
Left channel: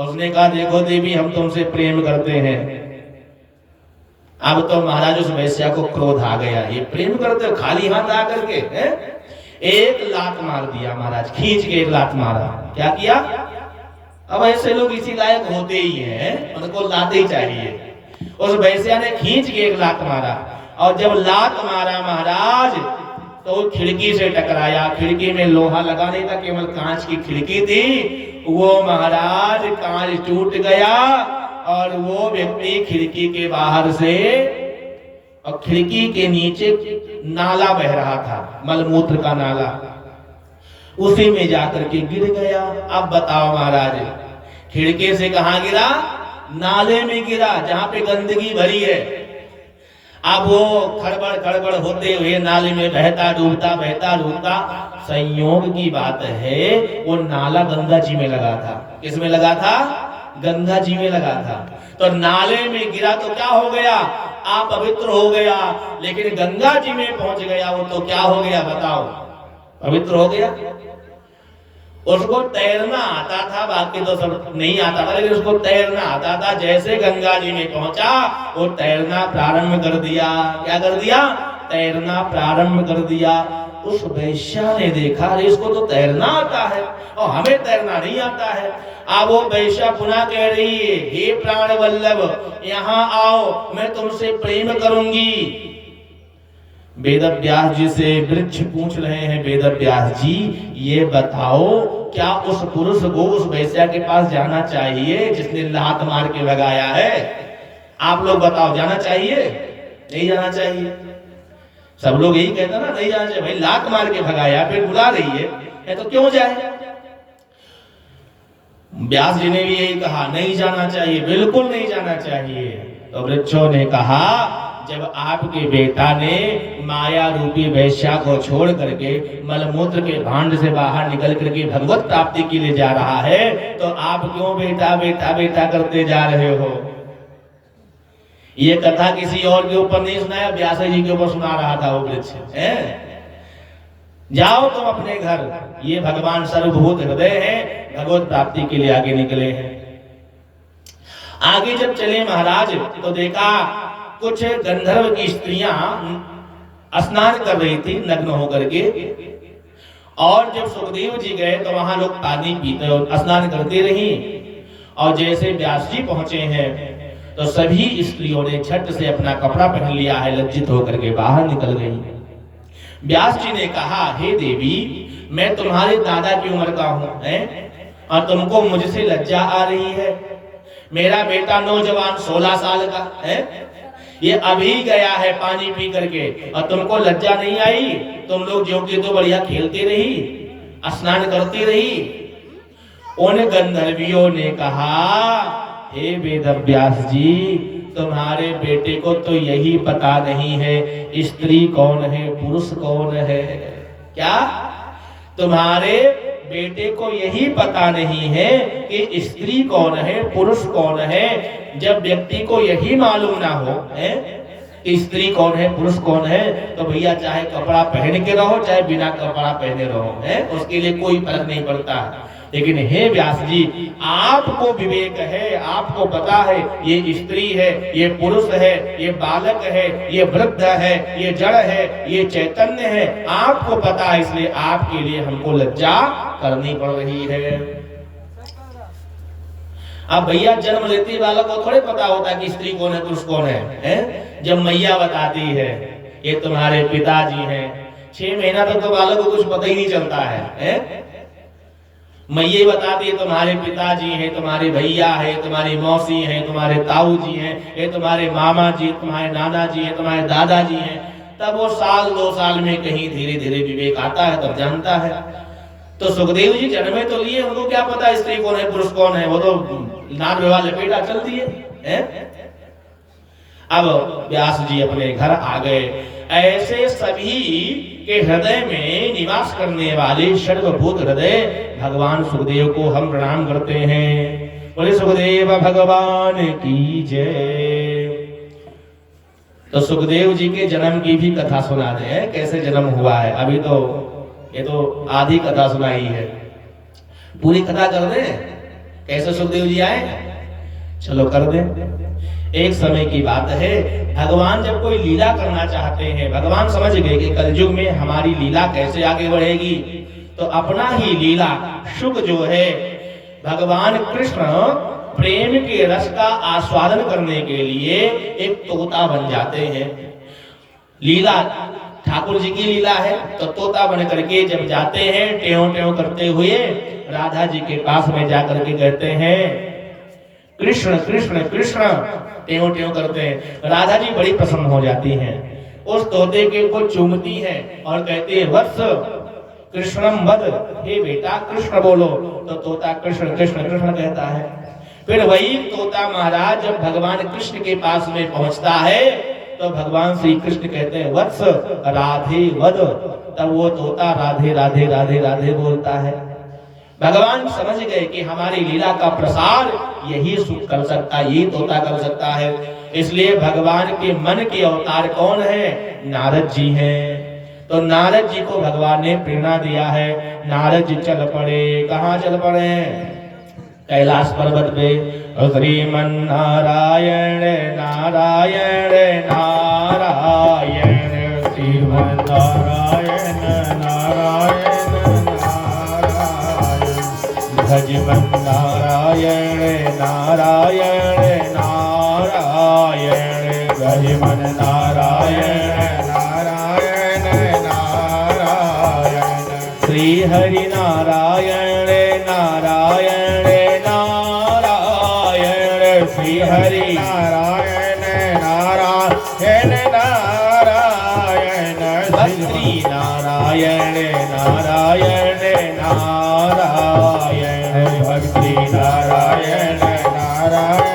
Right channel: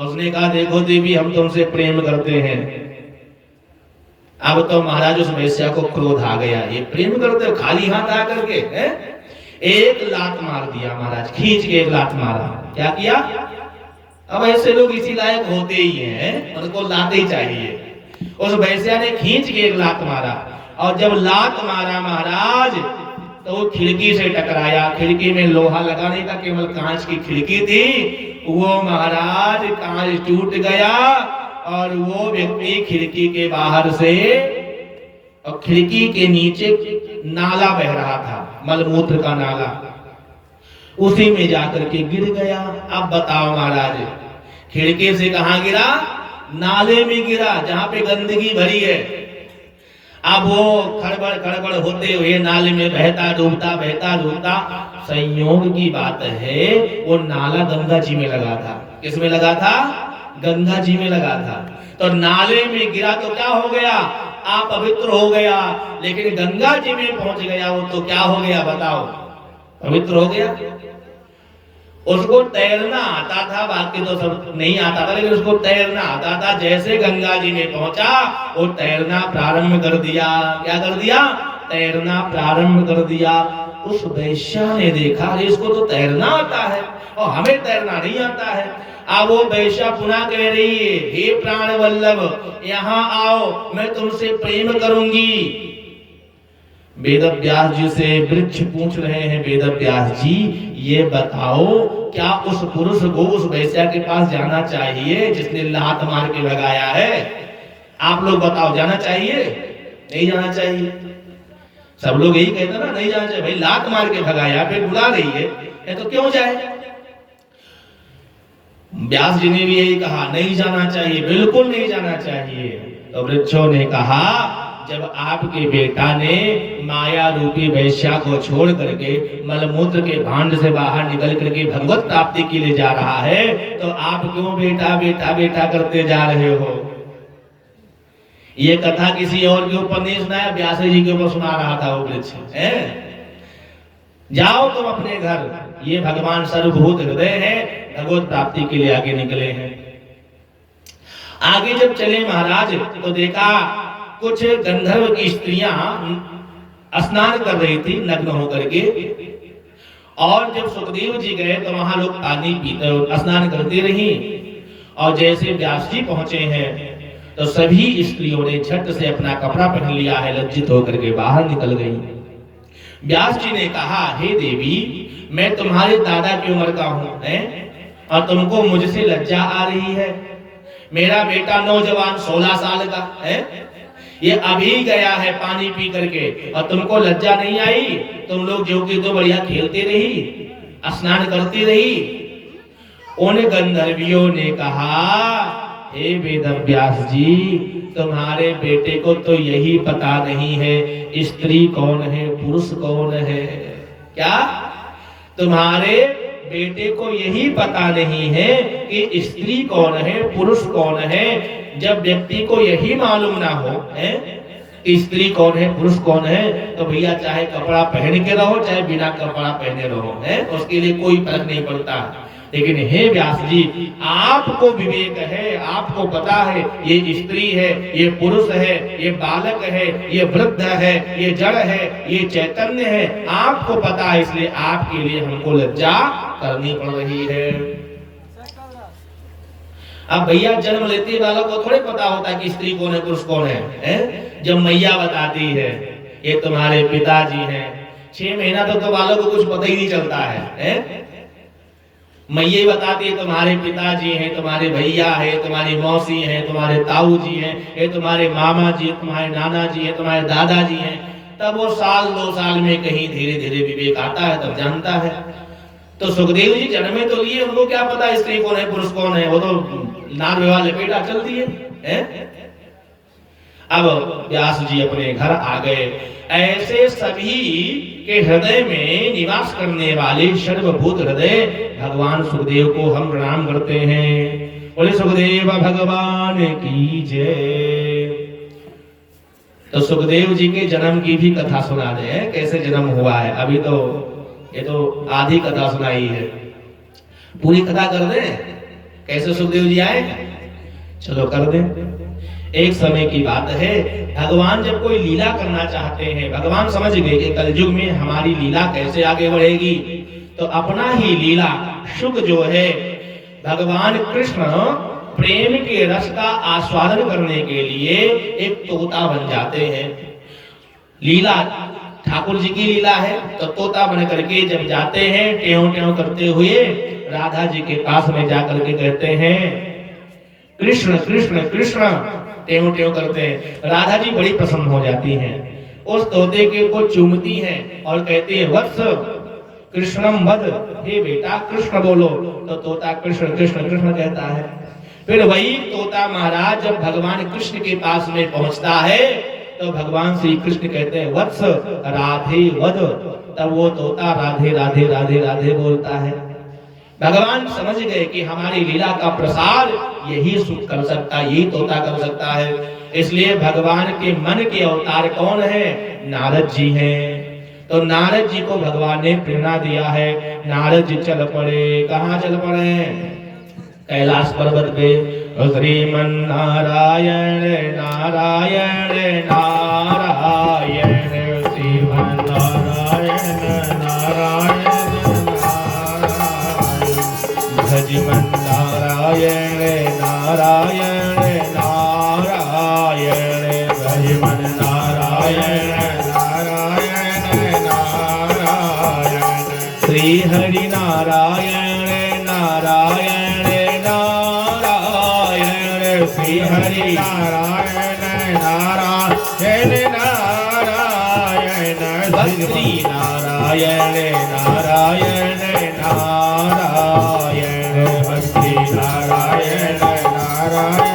उसने कहा देखो देवी हम तुमसे प्रेम करते हैं। अब तो महाराज उस वैश्या को क्रोध आ गया, ये प्रेम करते हो खाली हाथ आकर के? एक लात मार दिया महाराज, खींच के एक लात मारा। क्या किया? अब ऐसे लोग इसी लायक होते ही हैं, उनको लाते ही चाहिए। उस वैश्या ने खींच के एक लात मारा। और जब लात मारा महाराज तो वो खिड़की से टकराया। खिड़की में लोहा लगा नहीं था, केवल कांच की खिड़की थी। वो महाराज कांच टूट गया और वो व्यक्ति खिड़की के बाहर से, और खिड़की के नीचे नाला बह रहा था, मलमूत्र का नाला, उसी में जाकर के गिर गया। अब बताओ महाराज, खिड़की से कहां गिरा? नाले में गिरा, जहां पे गंदगी भरी है। अब वो खड़बड़ खड़बड़ होते हुए नाले में बहता डूबता। संयोग की बात है वो नाला गंगा जी में लगा था। किस में लगा था? गंगा जी में लगा था। तो नाले में गिरा तो क्या हो गया? आप पवित्र हो गया। लेकिन गंगा जी में पहुंच गया वो तो क्या हो गया बताओ? पवित्र हो गया। उसको तैरना आता था, बाकी तो सब नहीं आता था, लेकिन उसको तैरना आता था। जैसे गंगा जी में पहुंचा वो तैरना प्रारंभ कर दिया। क्या कर दिया? तैरना प्रारंभ कर दिया। उस वैश्या ने देखा, अरे इसको तो तैरना आता है और हमें तैरना नहीं आता है। अब वो वैश्या पुनः कह रही है, हे प्राण वल्लभ, यहाँ आओ, मैं तुमसे प्रेम करूंगी। वेदव्यास जी से वृक्ष पूछ रहे हैं, वेदव्यास जी ये बताओ, क्या उस पुरुष को उस वैश्या के पास जाना चाहिए जिसने लात मार के भगाया है? आप लोग बताओ, जाना चाहिए? नहीं जाना चाहिए। सब लोग यही कहते ना, नहीं जाना चाहिए। भाई लात मार के भगाया, फिर बुला रही है तो क्यों जाए? व्यास जी ने भी यही कहा, नहीं जाना चाहिए, बिल्कुल नहीं जाना चाहिए। तो वृक्षों ने कहा, जब आपके बेटा ने माया रूपी वैश्या को छोड़ करके मलमूत्र के भांड से बाहर निकल करके भगवत प्राप्ति के लिए जा रहा है, तो आप क्यों बेटा बेटा बेटा करते जा रहे हो? ये कथा किसी और के ऊपर नहीं सुनाया, व्यास जी के ऊपर सुना रहा था वो वृक्ष। जाओ तुम अपने घर, ये भगवान सर्वभूत हृदय है, भगवत प्राप्ति के लिए आगे निकले हैं। आगे जब चले महाराज तो देखा कुछ गंधर्व की स्त्रियां स्नान कर रही थी नग्न होकर के। और जब सुखदेव जी गए तो वहां लोग पानी पीते स्नान करते रही। और जैसे व्यास जी पहुंचे हैं तो सभी स्त्रियों ने झट से अपना कपड़ा पहन लिया है, लज्जित होकर के बाहर निकल गई। व्यास जी ने कहा, हे देवी, मैं तुम्हारे दादा की उम्र का हूं और तुमको मुझसे लज्जा आ रही है। मेरा बेटा नौजवान 16 साल का है, ये अभी गया है पानी पी करके, और तुमको लज्जा नहीं आई? तुम लोग जो कि तो बढ़िया खेलते रही, स्नान करती रही। उन गंधर्वियों ने कहा, हे वेदव्यास जी, तुम्हारे बेटे को तो यही पता नहीं है स्त्री कौन है पुरुष कौन है। क्या? तुम्हारे बेटे को यही पता नहीं है कि स्त्री कौन है पुरुष कौन है। जब व्यक्ति को यही मालूम ना हो कि स्त्री कौन है पुरुष कौन है, तो भैया चाहे कपड़ा पहन के रहो चाहे बिना कपड़ा पहने रहो, उसके लिए कोई फर्क नहीं पड़ता। लेकिन हे व्यास जी, आपको विवेक है, आपको पता है ये स्त्री है, ये पुरुष है, ये बालक है, ये वृद्ध है, ये जड़ है, ये चैतन्य है, आपको पता है, इसलिए आपके लिए हमको लज्जा करनी पड़ रही है। अब भैया जन्म लेते बालक को थोड़े पता होता कि स्त्री कौन है पुरुष कौन है? जब मैया बताती है ये तुम्हारे पिताजी हैं, 6 महीना तो बालक को कुछ पता ही नहीं चलता है। मैया बताती है तुम्हारे पिताजी हैं, तुम्हारे भैया है, तुम्हारी मौसी है, तुम्हारे ताऊ जी हैं, ये तुम्हारे मामा जी, तुम्हारे नाना जी हैं, तुम्हारे दादाजी हैं। तब वो 1-2 साल में कहीं धीरे धीरे विवेक आता है, तब जानता है। तो सुखदेव जी जन्मे तो लिए, उनको क्या पता स्त्री कौन है पुरुष कौन है? वो तो नाग विवाह लपेटा चल दिए। अब व्यास जी अपने घर आ गए। ऐसे सभी के हृदय में निवास करने वाले सर्वभूत हृदय भगवान सुखदेव को हम प्रणाम करते हैं। बोले सुखदेव भगवान की जय। तो सुखदेव जी के जन्म की भी कथा सुना दे, कैसे जन्म हुआ है। अभी तो ये तो आधी कथा सुनाई है, पूरी कथा कर दे कैसे सुखदेव जी आए। चलो कर दे। एक समय की बात है, भगवान जब कोई लीला करना चाहते हैं, भगवान समझ गए कि कलयुग में हमारी लीला कैसे आगे बढ़ेगी, तो अपना ही लीला शुभ जो है, भगवान कृष्ण प्रेम के रस का आस्वादन करने के लिए एक तोता बन जाते हैं। लीला ठाकुर जी की लीला है। तो तोता बन करके जब जाते हैं टेढ़ों टेढ़ों करते हुए राधा जी के पास में जाकर के कहते हैं कृष्ण कृष्ण कृष्ण, टेढ़ों टेढ़ों करते हैं। राधा जी बड़ी प्रसन्न हो जाती हैं, उस तोते के को चूमती हैं और कहती है वत्स कृष्णम वद, हे बेटा कृष्ण बोलो। तो तोता कृष्ण कृष्ण कृष्ण कहता है। फिर वही तोता महाराज जब भगवान कृष्ण के पास में पहुंचता है तो भगवान श्री कृष्ण कहते हैं वत्स राधे वद। तब वो तोता राधे राधे राधे राधे बोलता है। भगवान समझ गए कि हमारी लीला का प्रसार यही सुख कर सकता, यही तोता कर सकता है। इसलिए भगवान के मन के अवतार कौन है? नारद जी हैं। तो नारद जी को भगवान ने प्रेरणा दिया है। नारद जी चल पड़े, कहाँ चल पड़े? कैलाश पर्वत पे। श्रीमन नारायण नारायण नारायण, श्रीमन नारायण नारायण नारायण, भजमन नारायण नारायण नारायण, भजमन नारायण नारायण नारायण, श्री हरि नारायण नारायण नारायण, श्री हरि नारायण नारायण नारायण, श्री नारायण नारायण नारायण, भक्ति नारायण नारायण नारायण, भक्ति नारायण नारायण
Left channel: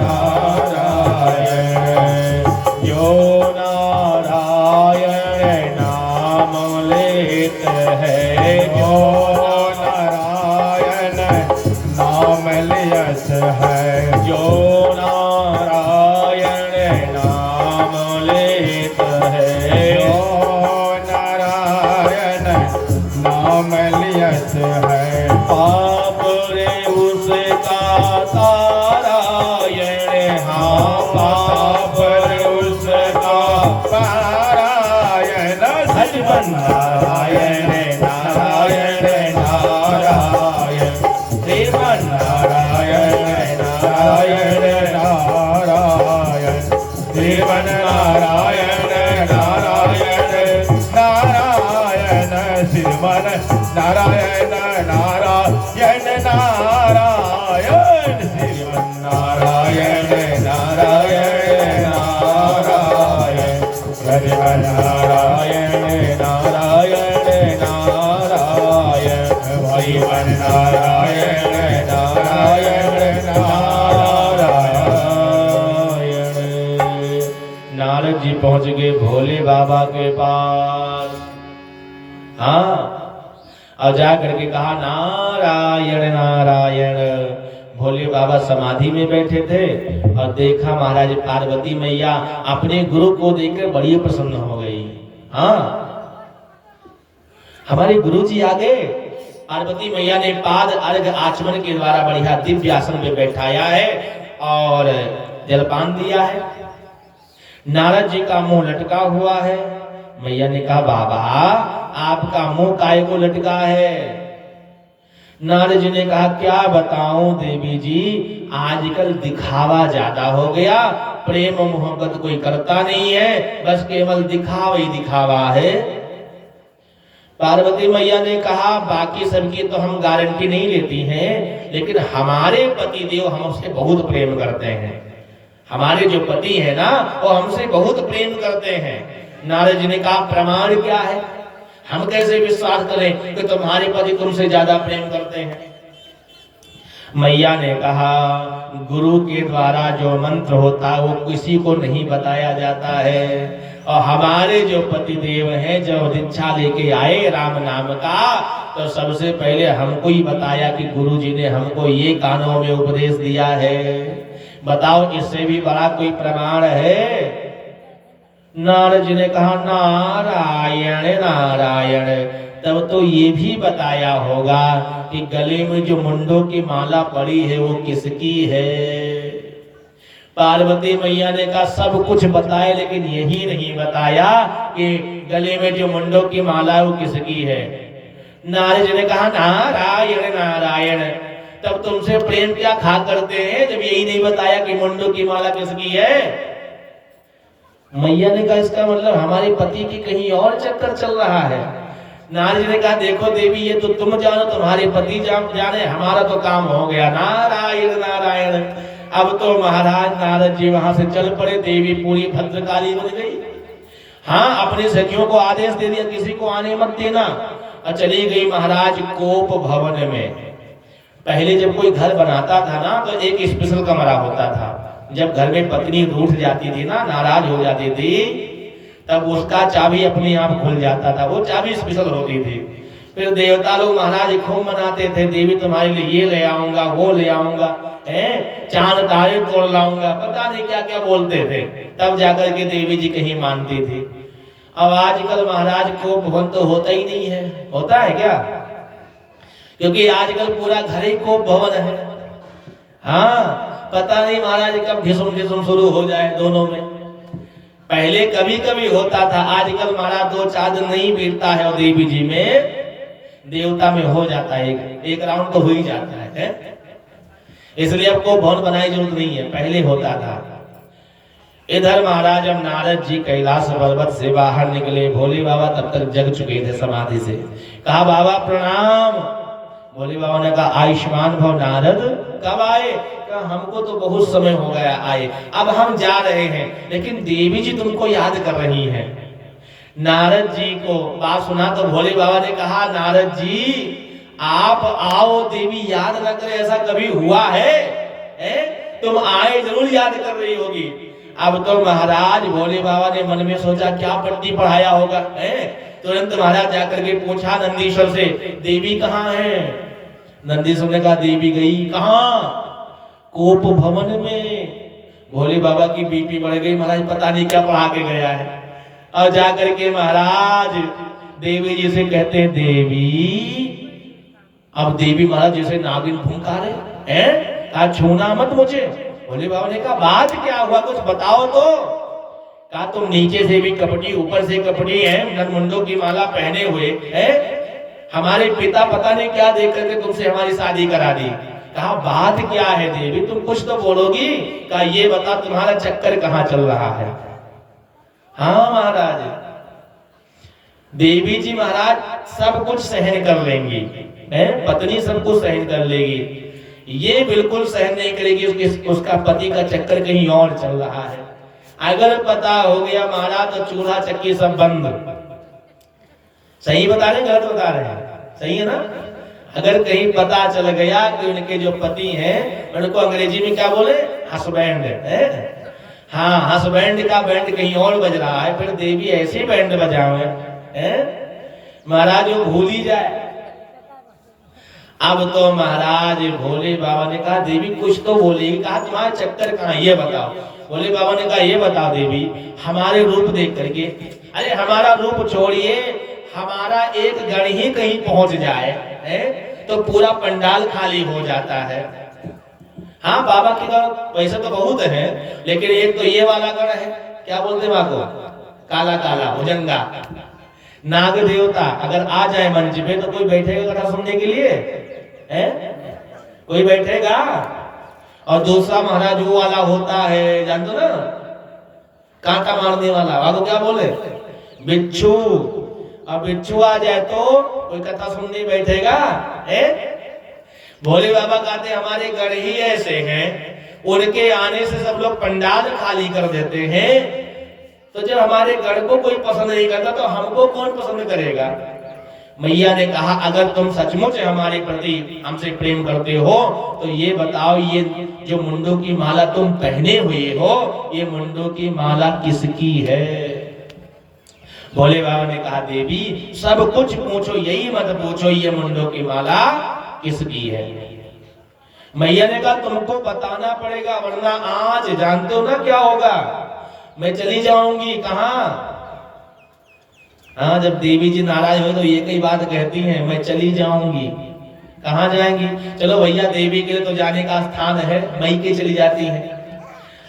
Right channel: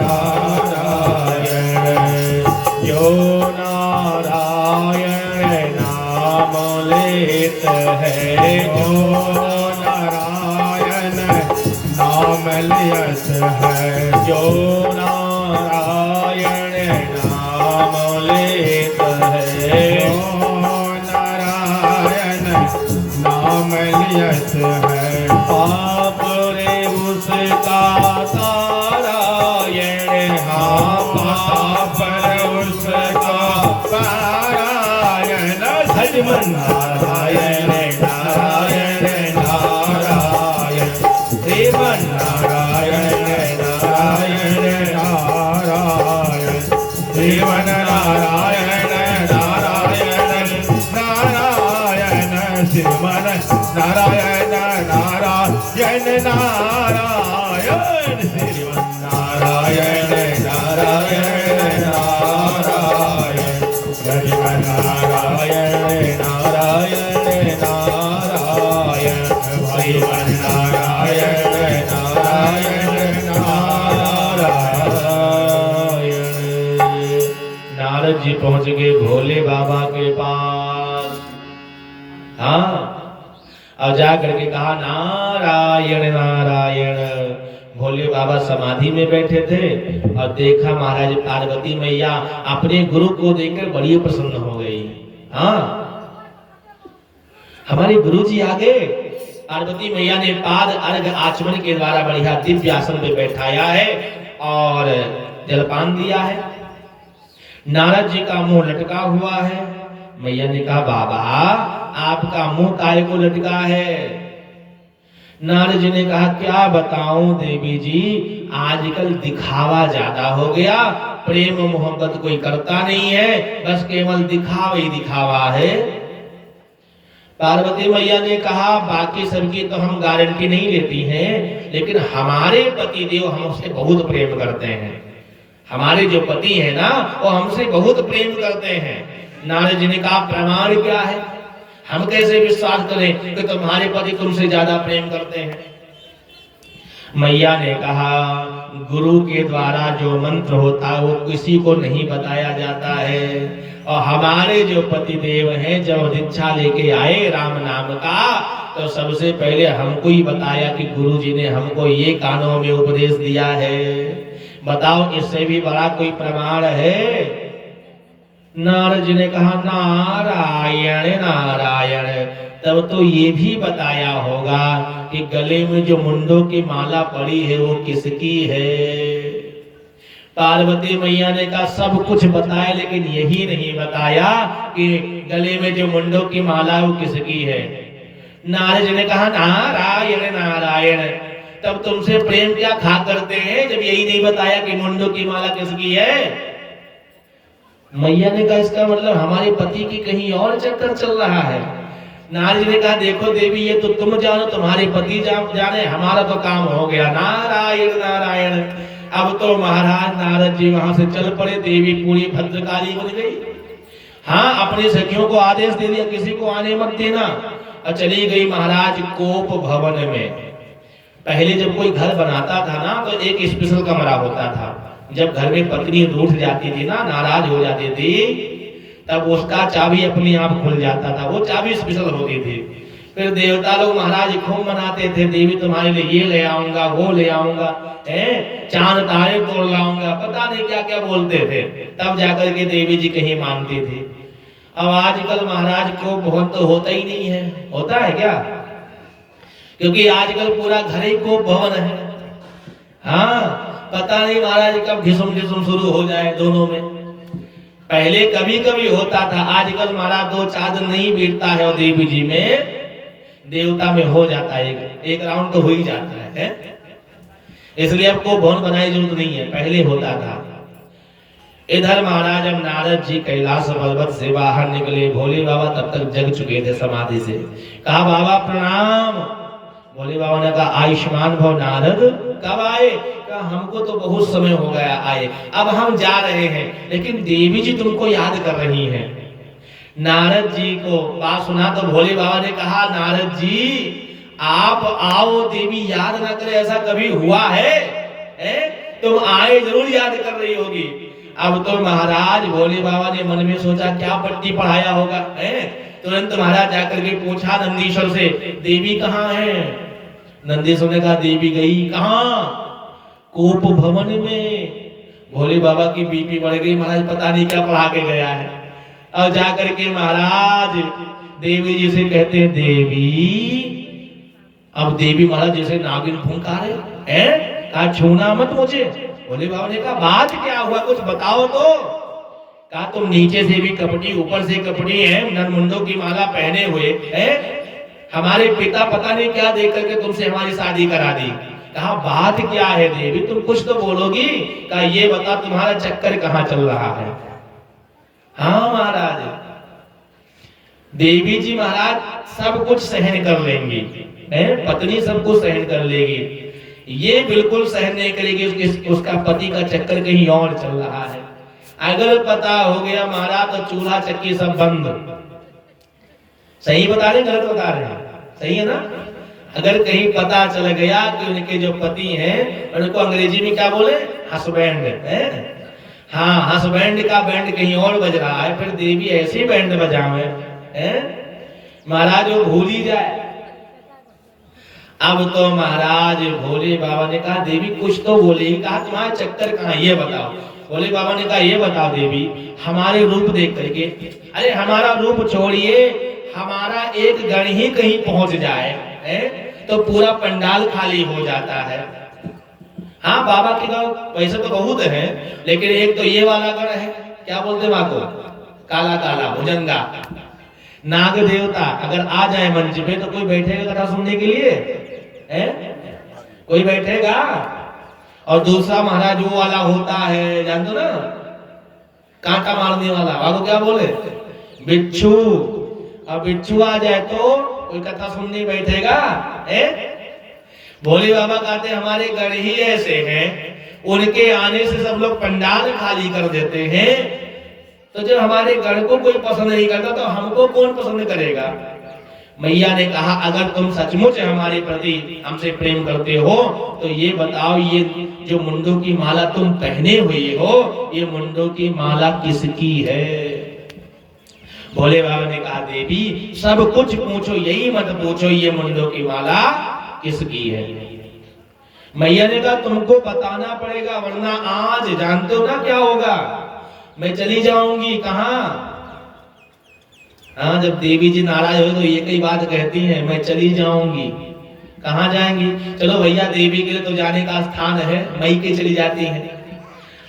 नारायण। जो नारायण नाम लेत है, जो नारायण नाम लियत है, जो नारायण नाम लेत है, जो नारायण नाम लियत है, पाप रे उसका तारायण, हाँ पाप रे उसका पारायण, श्रीमन नारायण नारायण नारायण, श्रीमन नारायण नारायण नारायण, श्रीमन नारायण नारायण नारायण, श्रीमन नारायण नारायण नारायण, श्रीमन नारायण नारायण नारायण, श्रीमन नारायण नारायण नारायण, श्रीमन नारायण नारायण नारायण। नारद जी पहुंच गए भोले बाबा के पास। हाँ, और जा करके कहा नारायण नारायण। भोले बाबा समाधि में बैठे थे और देखा महाराज पार्वती मैया अपने गुरु को देखकर बड़ी प्रसन्न हो गई। हाँ, हमारे गुरु जी आ गए। पार्वती मैया ने पाद अर्घ आचमन के द्वारा बढ़िया दिव्य आसन में बैठाया है और जलपान दिया है। नारद जी का मुंह लटका हुआ है। मैया ने कहा बाबा आपका मुंह काहे को लटका है? नारद जी ने कहा क्या बताऊं देवी जी, आजकल दिखावा ज्यादा हो गया, प्रेम मोहब्बत कोई करता नहीं है, बस केवल दिखावा ही दिखावा है। पार्वती मैया ने कहा बाकी सबकी तो हम गारंटी नहीं लेती हैं, लेकिन हमारे पति देव हमसे बहुत प्रेम करते हैं। हमारे जो पति है ना वो हमसे बहुत प्रेम करते हैं। नारद जी ने कहा प्रमाण क्या है? हम कैसे विश्वास करें कि तुम्हारे पति तुमसे ज्यादा प्रेम करते हैं? मैया ने कहा गुरु के द्वारा जो मंत्र होता है वो किसी को नहीं बताया जाता है, और हमारे जो पति देव हैं जब दीक्षा लेके आए राम नाम का तो सबसे पहले हमको ही बताया कि गुरु जी ने हमको ये कानों में उपदेश दिया है। बताओ इससे भी बड़ा कोई प्रमाण है? नारद जी ने कहा नारायण नारायण। तब तो ये भी बताया होगा कि गले में जो मुंडों की माला पड़ी है वो किसकी है? पार्वती मैया ने कहा सब कुछ बताए, लेकिन यही नहीं बताया कि गले में जो मुंडों की माला है वो किसकी है। नारद जी ने कहा नारायण नारायण। तब तुमसे प्रेम क्या खा करते हैं जब यही नहीं बताया कि मुंडों की माला किसकी है। मैया ने कहा इसका मतलब हमारे पति की कहीं और चक्कर चल रहा है। नारद जी ने कहा देखो देवी ये तो तुम जानो, तुम्हारे पति जाने, हमारा तो काम हो गया। नारायण नारायण। अब तो महाराज नारद जी वहां से चल पड़े। देवी पूरी भद्रकाली बन गई। हाँ, अपने सखियों को आदेश दे दिया किसी को आने मत देना, और चली गई महाराज कोप भवन में। पहले जब कोई घर बनाता था ना तो एक स्पेशल कमरा होता था। जब घर में पत्नी रूठ जाती थी ना, नाराज हो जाती थी, तब उसका चाबी अपने आप खुल जाता था। वो चाबी स्पेशल होती थी। फिर देवता लोग महाराज खूब मनाते थे, देवी तुम्हारे लिए ये ले आऊंगा, वो ले आऊंगा, चांद तारे तोड़ लाऊंगा, पता नहीं क्या क्या बोलते थे। तब जाकर के देवी जी कहीं मानती थी। अब आजकल महाराज को भवन तो होता ही नहीं है। होता है क्या? क्योंकि आजकल पूरा घर ही को भवन है। हाँ, पता नहीं महाराज कब घिसुम घिसुम शुरू हो जाए दोनों में। पहले कभी कभी होता था, आजकल महाराज 2-4 दिन नहीं बीतता है और देवी जी में देवता में हो जाता है, एक राउंड तो हो ही जाता है। इसलिए अब को भवन बनाने की जरूरत नहीं है, पहले होता था। इधर महाराज अब नारद जी कैलाश पर्वत से बाहर निकले। भोले बाबा तब तक जग चुके थे समाधि से। कहा बाबा प्रणाम। भोले बाबा ने कहा आयुष्मान भव नारद, कब आए? कहा हमको तो बहुत समय हो गया आए, अब हम जा रहे हैं, लेकिन देवी जी तुमको याद कर रही हैं। नारद जी को बात सुना तो भोले बाबा ने कहा नारद जी आप आओ, देवी याद ना करे ऐसा कभी हुआ है? तुम आए जरूर याद कर रही होगी। अब तो महाराज भोले बाबा ने मन में सोचा क्या पट्टी पढ़ाया होगा। तुरंत महाराज जाकर के पूछा नंदीश्वर से, देवी कहाँ है? नंदीश्वर ने कहा देवी गई कहाँ? कोप भवन में। भोले बाबा की बीपी बढ़ गई, महाराज पता नहीं क्या पढ़ा के गया है। और जाकर के महाराज देवी जी से कहते हैं देवी। अब देवी महाराज जैसे नागिन फुंकारे, कहा छूना मत मुझे। भोले बाबा ने कहा बात क्या हुआ, कुछ बताओ तो। कहा तुम नीचे से भी कपटी, ऊपर से कपटी है, नरमुंडों की माला पहने हुए है। हमारे पिता पता नहीं क्या देख करके तुमसे हमारी शादी करा दी। कहा बात क्या है देवी, तुम कुछ तो बोलोगी। कहा ये बता तुम्हारा चक्कर कहाँ चल रहा है? हाँ महाराज, देवी जी महाराज सब कुछ सहन कर लेंगी, पत्नी सब कुछ सहन कर लेगी, ये बिल्कुल सहन नहीं करेगी उसका पति का चक्कर कहीं और चल रहा है। अगर पता हो गया महाराज तो चूल्हा चक्की सब बंद। सही बता रहे गलत बता रहे हैं? सही है ना? अगर कहीं पता चल गया कि उनके जो पति हैं उनको अंग्रेजी में क्या बोले, हस्बैंड है, हाँ हस्बैंड का बैंड कहीं और बज रहा है, फिर देवी ऐसी बैंड बजावे महाराज वो भूल ही जाए। अब तो महाराज भोले बाबा ने कहा देवी कुछ तो बोलेगी। कहा तुम्हारा चक्कर कहाँ ये बताओ। भोले बाबा ने कहा ये बताओ देवी, हमारे रूप देख करके, अरे हमारा रूप छोड़िए, हमारा एक गण ही कहीं पहुंच जाए तो पूरा पंडाल खाली हो जाता है। हाँ बाबा के गण वैसे तो बहुत है, लेकिन एक तो ये वाला गण है, क्या बोलते हैं को, काला काला भुजंगा नाग देवता। अगर आ जाए मंच पे तो कोई बैठेगा कथा सुनने के लिए? कोई बैठेगा? और दूसरा महाराज वो वाला होता है, जानते ना, कांटा मारने वाला, आपको क्या बोले, बिच्छू। अब बिच्छू आ जाए तो कोई कथा सुनने बैठेगा? भोले बाबा कहते हमारे गण ही ऐसे हैं, उनके आने से सब लोग पंडाल खाली कर देते हैं। तो जब हमारे गण को कोई पसंद नहीं करता तो हमको कौन पसंद करेगा? मैया ने कहा अगर तुम सचमुच हमारे प्रति हमसे प्रेम करते हो तो ये बताओ, ये जो मुंडों की माला तुम पहने हुए हो, ये मुंडों की माला किसकी है? भोले बाबा ने कहा देवी सब कुछ पूछो, यही मत पूछो ये मुंडों की माला किसकी है। मैया ने कहा तुमको बताना पड़ेगा, वरना आज जानते हो ना क्या होगा, मैं चली जाऊंगी। कहाँ? हाँ, जब देवी जी नाराज हुए तो ये कई बात कहती हैं, मैं चली जाऊंगी। कहाँ जाएंगी? चलो भैया देवी के लिए तो जाने का स्थान है, मई के चली जाती हैं,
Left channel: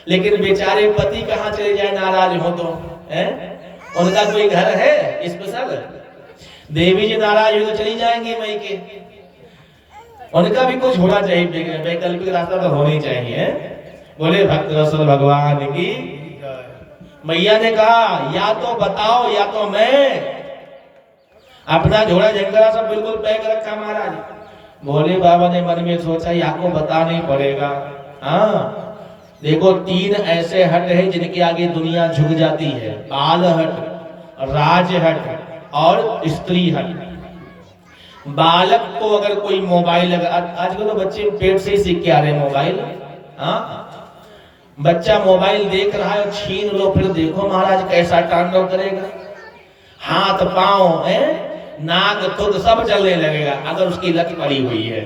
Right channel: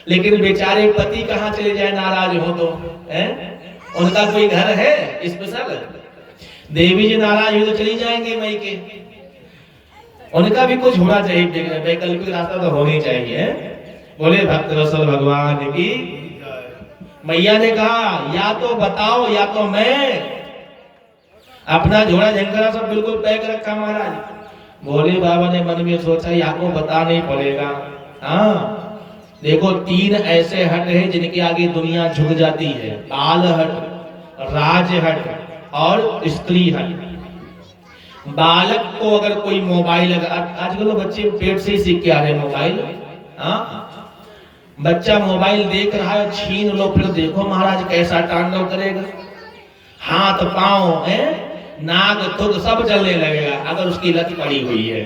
लेकिन बेचारे पति कहाँ चले जाए नाराज हो तो, उनका कोई घर है स्पेशल? देवी जी नाराज हुए तो चली जाएंगे मई के। उनका भी कुछ होना चाहिए, वैकल्पिक रास्ता तो होना ही चाहिए। बोले भक्त वत्सल भगवान की। मैया ने कहा या तो बताओ या तो मैं। अपना झोला झंकारा सब बिल्कुल पैक रखा महाराज। बोले बाबा ने मन में सोचा या को बताना ही पड़ेगा। हाँ देखो, 3 ऐसे हट हैं जिनके आगे दुनिया झुक जाती है, बाल हट, राज हट और स्त्री हट। बालक को अगर कोई मोबाइल, आजकल तो बच्चे पेट से ही सीख के आ रहे हैं मोबाइल। हाँ बच्चा मोबाइल देख रहा है, छीन लो, फिर देखो महाराज कैसा तांडव करेगा। हाथ पांव नाक खुद सब चलने लगेगा अगर उसकी लत पड़ी हुई है।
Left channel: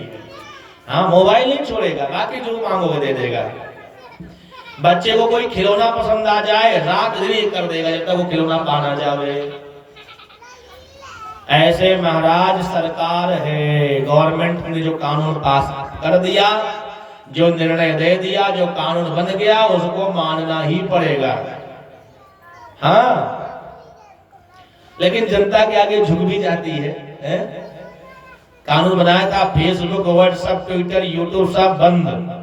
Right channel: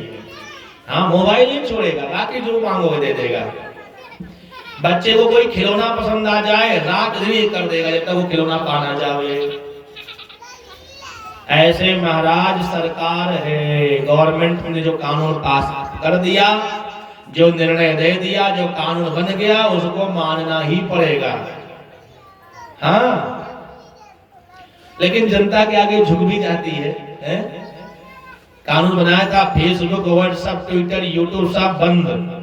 हाँ मोबाइल नहीं छोड़ेगा, बाकी जो मांगोगे दे देगा। बच्चे को कोई खिलौना पसंद आ जाए, रात दिन कर देगा जब तक वो खिलौना पाना जावे। ऐसे महाराज सरकार है, गवर्नमेंट ने जो कानून पास कर दिया, जो निर्णय दे दिया, जो कानून बन गया, उसको मानना ही पड़ेगा। हाँ लेकिन जनता के आगे झुक भी जाती है, कानून बनाया था, फेसबुक, व्हाट्सएप, ट्विटर, यूट्यूब सब बंद।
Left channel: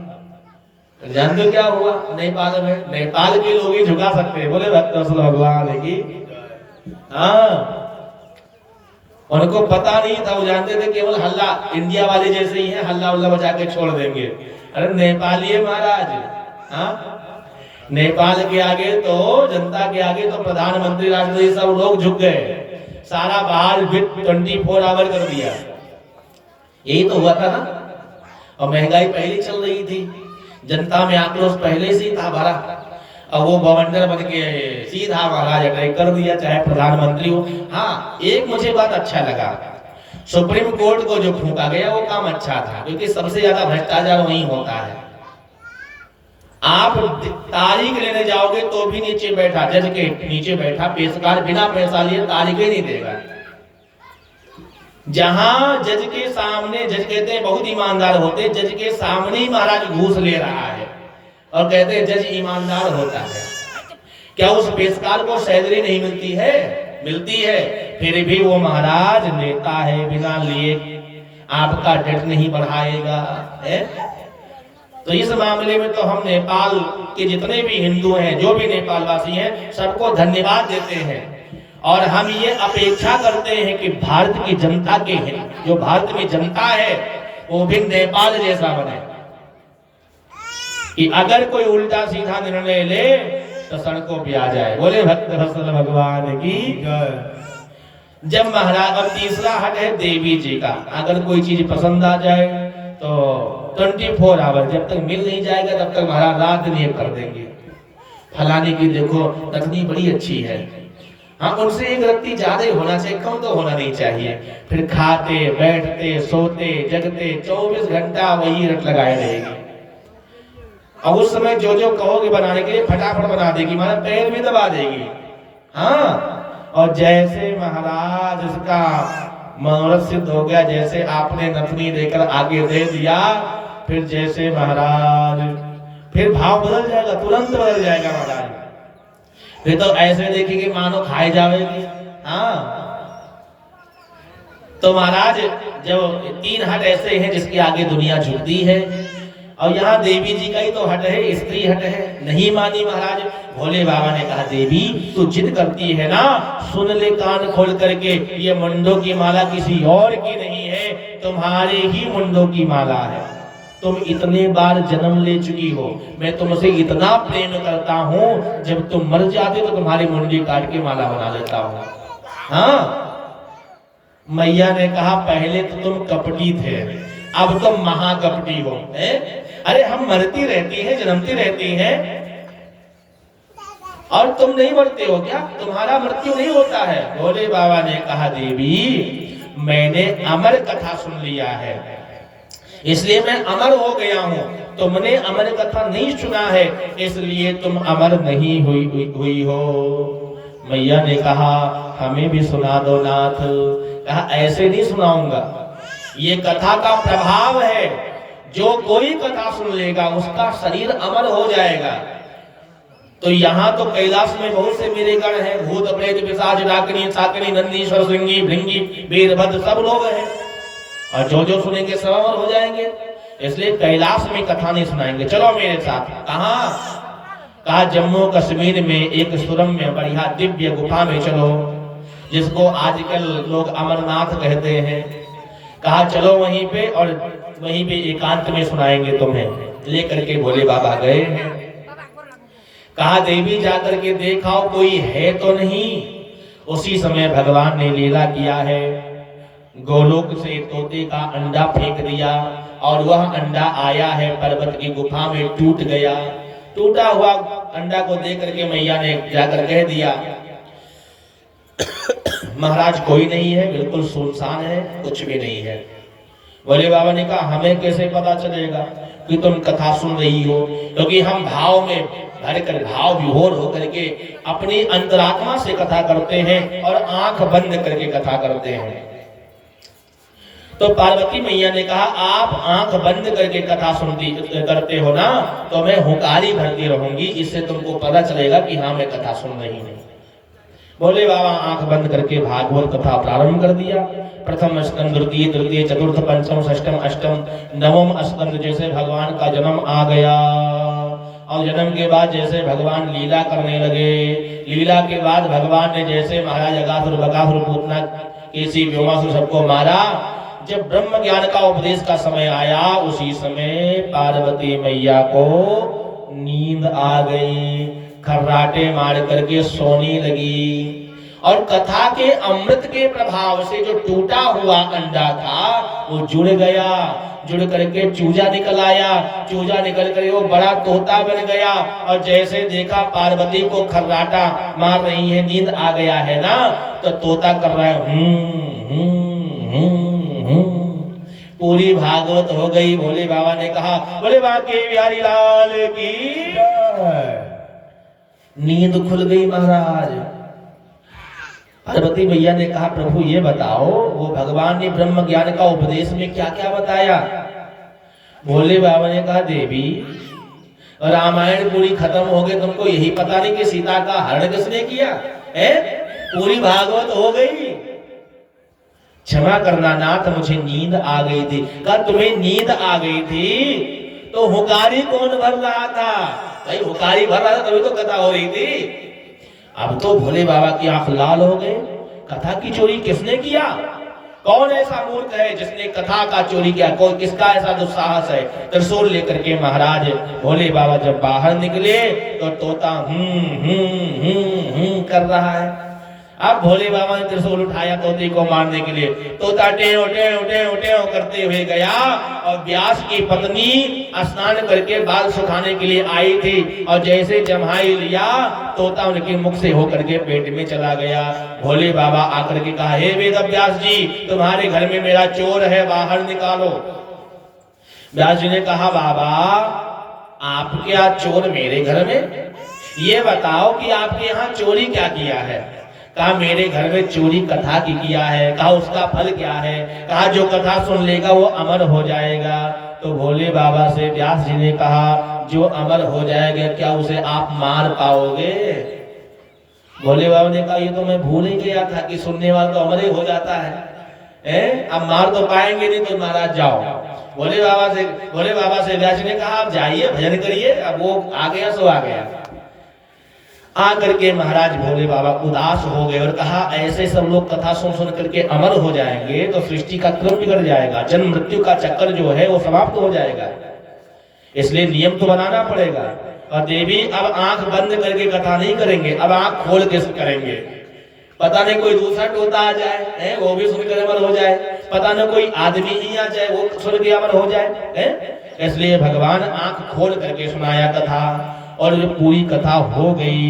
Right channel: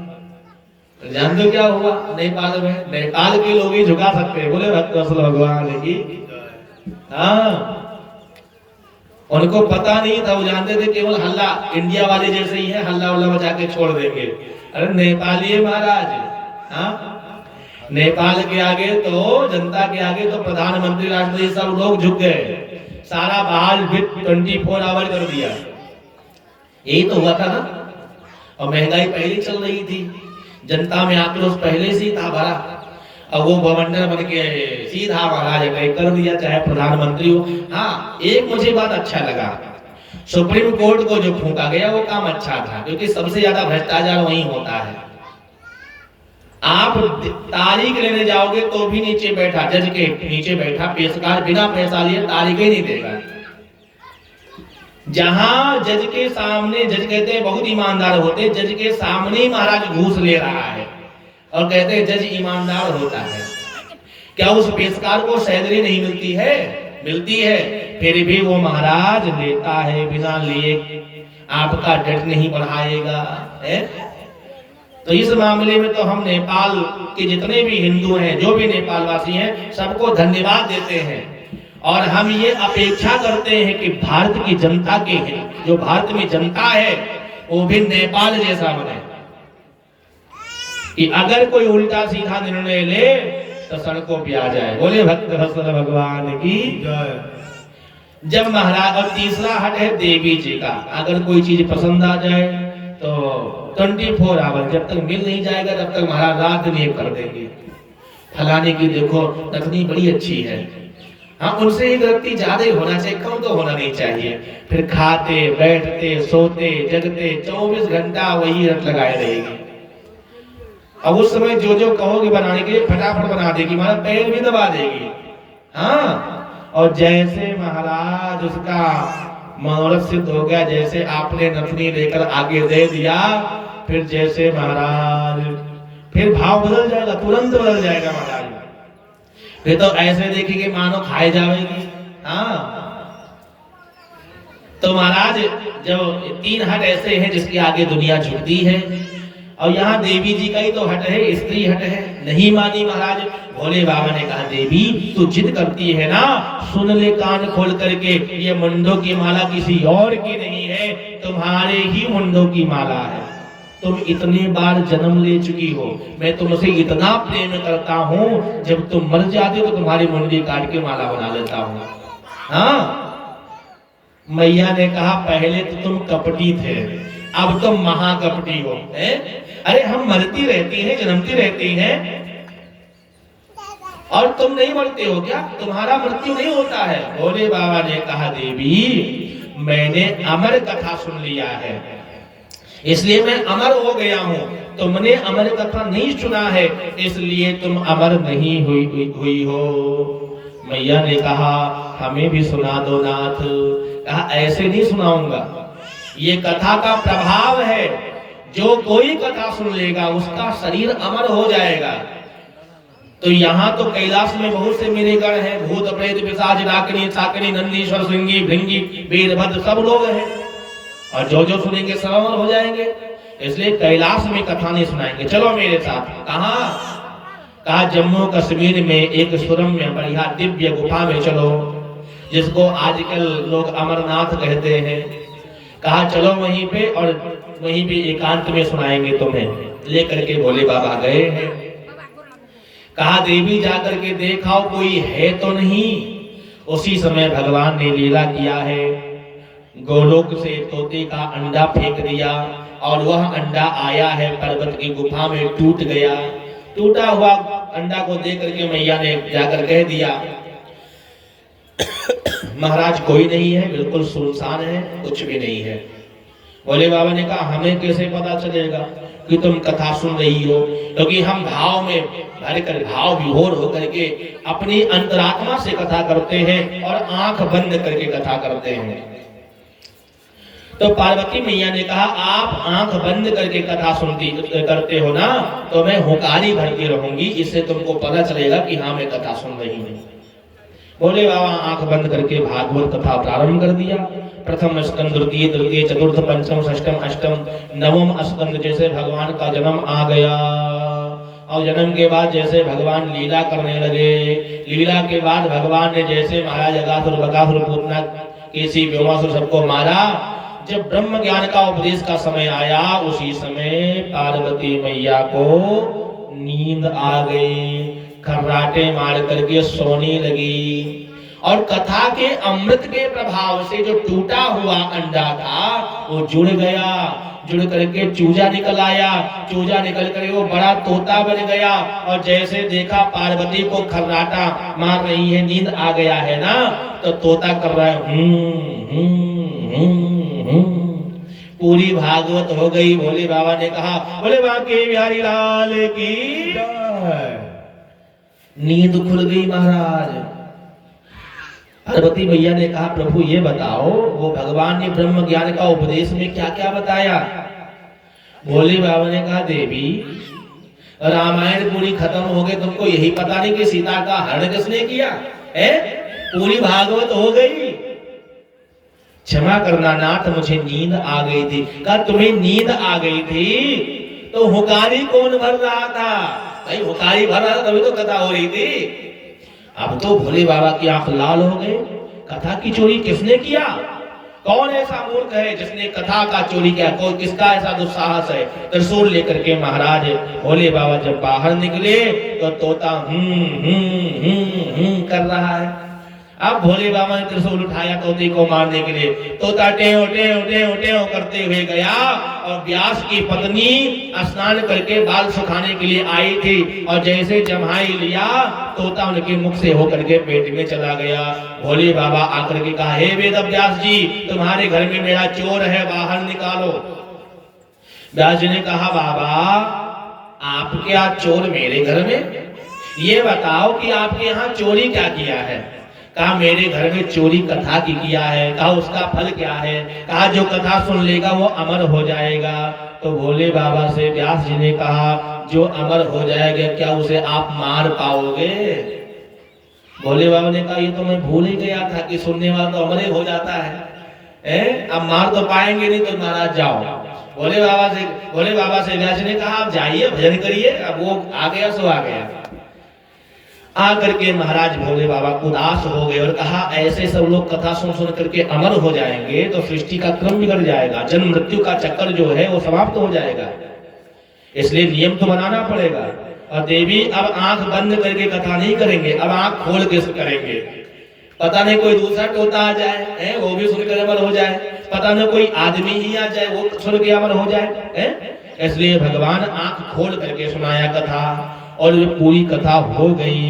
जान दो क्या हुआ नेपाल में? नेपाल के लोग ही झुका सकते हैं। बोले भक्त वत्सल भगवान की। हाँ उनको पता नहीं था, वो जानते थे केवल हल्ला इंडिया वाले जैसे ही है, हल्ला उल्ला बचा के छोड़ देंगे। अरे नेपाली है महाराज। हाँ नेपाल के आगे तो, जनता के आगे तो प्रधानमंत्री, राष्ट्रपति सब लोग झुक गए। सारा बहाल 24 आवर कर दिया। यही तो हुआ था ना। और महंगाई पहले चल रही थी, जनता में आक्रोश पहले से था भरा। अब वो बवंडर बन के सीधा महाराज अटैक कर दिया, चाहे प्रधानमंत्री हो। हाँ एक मुझे बात अच्छा लगा, सुप्रीम कोर्ट को जो फूंका गया वो काम अच्छा था, क्योंकि सबसे ज्यादा भ्रष्टाचार वहीं होता है। आप तारीख लेने जाओगे तो भी नीचे बैठा, जज के नीचे बैठा पेशकार बिना पैसा लिए तारीख ही नहीं देगा। जहां जज के सामने, जज कहते हैं बहुत ईमानदार होते, जज के सामने ही महाराज घूस ले रहा है और कहते हैं जज ईमानदार होता है। क्या उस पेशकार को सैलरी नहीं मिलती है? मिलती है, फिर भी वो महाराज लेता है, बिना लिए आपका डेट नहीं बढ़ाएगा है? तो इस मामले में तो हम नेपाल के जितने भी हिंदू हैं, जो भी नेपाल वासी हैं, सबको धन्यवाद देते हैं। और हम ये अपेक्षा करते हैं कि भारत की जनता के हैं, जो भारत में जनता है वो भी नेपाल जैसा बने, कि अगर कोई उल्टा सीधा निर्णय ले तो सड़कों पे आ जाए। बोले भक्त वत्सल भगवान की। जब महाराज, और तीसरा हट है देवी जी का, अगर कोई चीज पसंद आ जाए तो 24 आवर, जब तक मिल नहीं जाएगा तब तक महाराज रात दिन कर देंगे। फलाने की देखो तकनीक बड़ी अच्छी है। हाँ उनसे एक रत्ती ज्यादा होना चाहिए, कम तो होना नहीं चाहिए। फिर खाते बैठते सोते जगते 24 घंटा वही रट लगाए रहेगी। अब उस समय जो जो कहोगे बनाने के लिए फटाफट बना देगी, महाराज पैर भी दबा देगी। हाँ और जैसे महाराज उसका मनोरथ सिद्ध हो गया, जैसे आपने नथनी लेकर आगे दे दिया, फिर जैसे महाराज फिर भाव बदल जाएगा, तुरंत बदल जाएगा महाराज। फिर तो ऐसे देखेंगे मानो खाए जाएगी। हाँ तो महाराज जब 3 हट ऐसे हैं जिसके आगे दुनिया झुकती है, और यहाँ देवी जी का ही तो हट है, स्त्री हट है। नहीं मानी महाराज। भोले बाबा ने कहा देवी तू जिद करती है ना, सुन ले कान खोल करके, ये मुंडों की माला किसी और की नहीं है, तुम्हारे ही मुंडों की माला है। तुम इतने बार जन्म ले चुकी हो, मैं तुमसे इतना प्रेम करता हूँ, जब तुम मर जाते तो तुम्हारी मुंडी काट के माला बना देता हूँ। हाँ मैया ने कहा पहले तो तुम कपटी थे, अब तुम महाकपटी हो। अरे हम मरती रहती हैं, जन्मती रहती हैं, और तुम नहीं मरते हो क्या? तुम्हारा मृत्यु नहीं होता है। भोले बाबा ने कहा देवी मैंने अमर कथा सुन लिया है, इसलिए मैं अमर हो गया हूँ। तुमने अमर कथा नहीं सुना है, इसलिए तुम अमर नहीं हुई हो। मैया ने कहा हमें भी सुना दो नाथ। कहा ऐसे नहीं सुनाऊंगा, ये कथा का प्रभाव है, जो कोई कथा सुन लेगा उसका शरीर अमर हो जाएगा। तो यहाँ तो कैलाश में बहुत से मेरे गण हैं, भूत प्रेत पिशाच डाकिनी साकिनी नंदीश्वर सिंगी भृंगी वीरभद्र सब लोग हैं। और जो जो सुनेंगे सब अमर हो जाएंगे। इसलिए कैलाश में कथा नहीं सुनाएंगे, चलो मेरे साथ। कहा जम्मू कश्मीर में एक सुरम्य बढ़िया दिव्य गुफा में चलो, जिसको आजकल लोग अमरनाथ कहते हैं। कहा चलो वहीं पे, और वहीं पे एकांत में सुनाएंगे तुम्हें। लेकर के भोले बाबा गए हैं। कहा देवी जाकर के देखाओ कोई है तो नहीं। उसी समय भगवान ने लीला किया है, गोलोक से तोते का अंडा फेंक दिया और वह अंडा आया है पर्वत की गुफा में, टूट गया। टूटा हुआ अंडा को देख करके मैया ने जाकर कह दिया महाराज कोई नहीं है, बिल्कुल सुनसान है, कुछ भी नहीं है। भोले बाबा ने कहा हमें कैसे पता चलेगा कि तुम कथा सुन रही हो, क्योंकि हम भाव में भरकर, भाव विभोर होकर के अपनी अंतरात्मा से कथा करते हैं और आंख बंद करके कथा करते हैं। तो पार्वती मैया ने कहा आप आंख बंद करके कथा सुनती करते हो ना, तो मैं हुंकारी भरती रहूंगी, इससे तुमको पता चलेगा कि हाँ मैं कथा सुन रही हूँ। भोले बाबा आंख बंद करके भागवत कथा प्रारंभ कर दिया। प्रथम स्कंद, द्वितीय, तृतीय, चतुर्थ, पंचम, षष्टम, अष्टम, नवम स्कंद जैसे भगवान का जन्म आ गया, और जन्म के बाद जैसे भगवान लीला करने लगे, लीला के बाद भगवान ने जैसे महाराज अगासुर, बकासुर, पूतना, केसी, व्योमासुर सबको मारा। जब ब्रह्म ज्ञान का उपदेश का समय आया, उसी समय पार्वती मैया को नींद आ गई, खर्राटे मार करके सोने लगी। और कथा के अमृत के प्रभाव से जो टूटा हुआ अंडा था वो जुड़ गया, जुड़ करके चूजा निकल आया, चूजा निकल कर वो बड़ा तोता बन गया। और जैसे देखा पार्वती को खर्राटा मार रही है, नींद आ गया है ना, तो तोता कर रहा है पूरी भागवत हो गई। भोले बाबा ने कहा बोले बाके बिहारी लाल की नींद खुल गई महाराज। पार्वती मैया ने कहा प्रभु ये बताओ वो भगवान ने ब्रह्म ज्ञान का उपदेश में क्या क्या बताया। भोले बाबा ने कहा देवी रामायण पूरी खत्म हो गई, तुमको यही पता नहीं कि सीता का हरण किसने किया है? पूरी भागवत हो गई। क्षमा करना नाथ मुझे नींद आ गई थी। कहा तुम्हें नींद आ गई थी तो हुकारी कौन भर रहा था? भाई हुकारी भर रहा था तभी तो कथा हो रही थी। अब तो भोले बाबा की आंख लाल हो गए। कथा की चोरी किसने किया? कौन ऐसा मूर्ख है जिसने कथा का चोरी किया? कौन, किसका ऐसा दुस्साहस है? त्रिशूल लेकर के महाराज भोले बाबा जब बाहर निकले तो तोता कर रहा है। अब भोले बाबा ने त्रिशूल उठाया तोते को मारने के लिए। तोता टेव टेव टेव टेव करते हुए गया और व्यास की पत्नी स्नान करके बाल सुखाने के लिए आई थी, और जैसे जम्हाई लिया तोता उनके मुख से होकर के पेट में चला गया। भोले बाबा आकर के कहा हे वेद व्यास जी तुम्हारे घर में मेरा चोर है, बाहर निकालो। व्यास जी ने कहा बाबा आप क्या चोर मेरे घर में? ये बताओ कि आपके यहाँ चोरी क्या किया है? कहा मेरे घर में चोरी कथा की किया है। कहा उसका फल क्या है? कहा जो कथा सुन लेगा वो अमर हो जाएगा। तो भोले बाबा से व्यास जी ने कहा जो अमर हो जाएगा क्या उसे आप मार पाओगे? भोले बाबा ने कहा ये तो मैं भूल ही गया था कि सुनने वाला तो अमर हो जाता है। अब मार तो पाएंगे नहीं तो महाराज जाओ। भोले बाबा से व्यास जी ने कहा आप जाइए भजन करिए। अब वो आ गया सो आ गया। आकर के महाराज भोले बाबा उदास हो गए और कहा ऐसे सब लोग कथा सुन सुन करके अमर हो जाएंगे तो सृष्टि का क्रम बिगड़ जाएगा, जन्म मृत्यु का चक्कर जो है वो समाप्त हो जाएगा। इसलिए नियम तो बनाना पड़ेगा। और देवी अब आंख बंद करके कथा नहीं करेंगे, अब आंख खोल के करेंगे। पता नहीं कोई दूसरा टोता आ जाए वो भी सुनकर अमर हो जाए, पता नहीं कोई आदमी ही आ जाए वो सुन के अमर हो जाए। इसलिए भगवान आंख खोल करके सुनाया कथा, और ये पूरी कथा हो गई।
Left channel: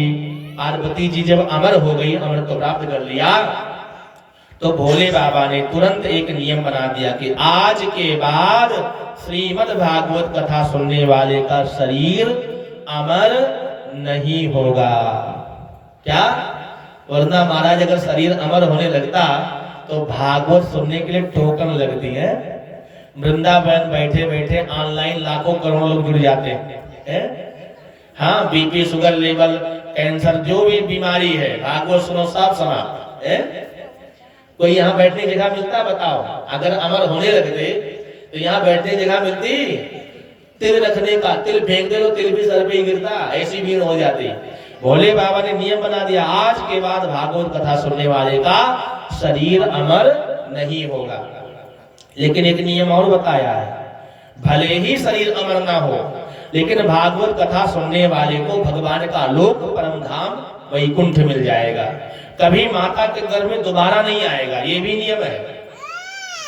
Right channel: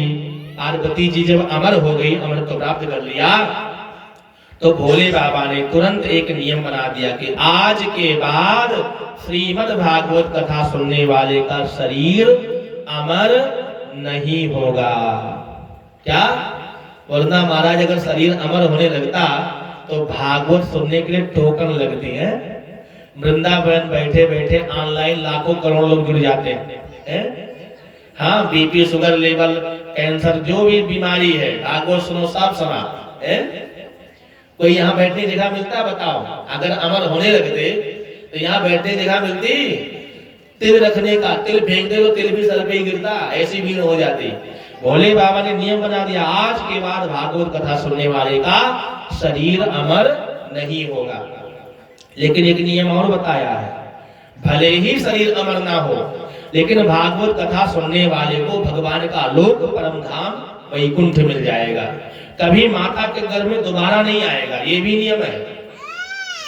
पार्वती जी जब अमर हो गई, अमर को प्राप्त कर लिया, तो भोले बाबा ने तुरंत एक नियम बना दिया कि आज के बाद श्रीमद् भागवत कथा सुनने वाले का शरीर अमर नहीं होगा। क्या? वरना महाराज अगर शरीर अमर होने लगता तो भागवत सुनने के लिए टोकन लगती है। वृंदावन बैठे बैठे ऑनलाइन लाखों करोड़ों लोग जुड़ जाते हैं। हाँ बीपी, शुगर लेवल, कैंसर, जो भी बीमारी है भागवत सुनो सब समाप्त है। कोई यहाँ बैठने की जगह मिलता बताओ? अगर अमर होने लगते तो यहाँ बैठने की जगह मिलती? तिल रखने का, तिल फेंक दे तो तिल भी सर पे ही गिरता, ऐसी भीड़ हो जाती। भोले बाबा ने नियम बना दिया, आज के बाद भागवत कथा सुनने वाले का शरीर अमर नहीं होगा। लेकिन एक नियम और बताया है, भले ही शरीर अमर ना हो, लेकिन भागवत कथा सुनने वाले को भगवान का लोक परम धाम वैकुंठ मिल जाएगा, कभी माता के गर्भ में दोबारा नहीं आएगा, ये भी नियम है।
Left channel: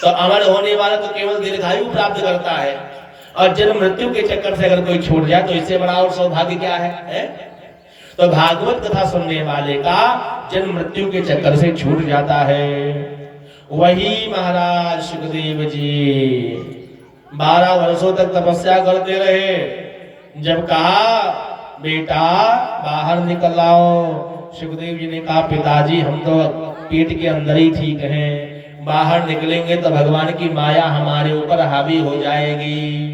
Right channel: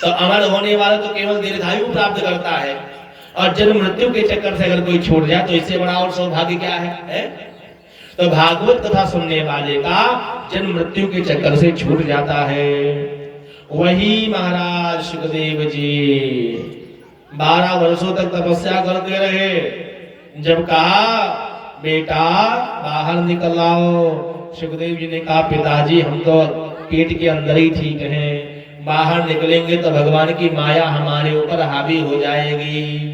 तो अमर होने वाला तो केवल दीर्घायु प्राप्त करता है, और जन्म मृत्यु के चक्कर से अगर कोई छूट जाए तो इससे बड़ा और सौभाग्य क्या है? तो भागवत कथा सुनने वाले का जन्म मृत्यु के चक्कर से छूट जाता है। वही महाराज सुखदेव जी 12 वर्षों तक तपस्या करते रहे। जब कहा बेटा बाहर निकल आओ, सुखदेव जी ने कहा पिताजी हम तो पेट के अंदर ही ठीक हैं, बाहर निकलेंगे तो भगवान की माया हमारे ऊपर हावी हो जाएगी।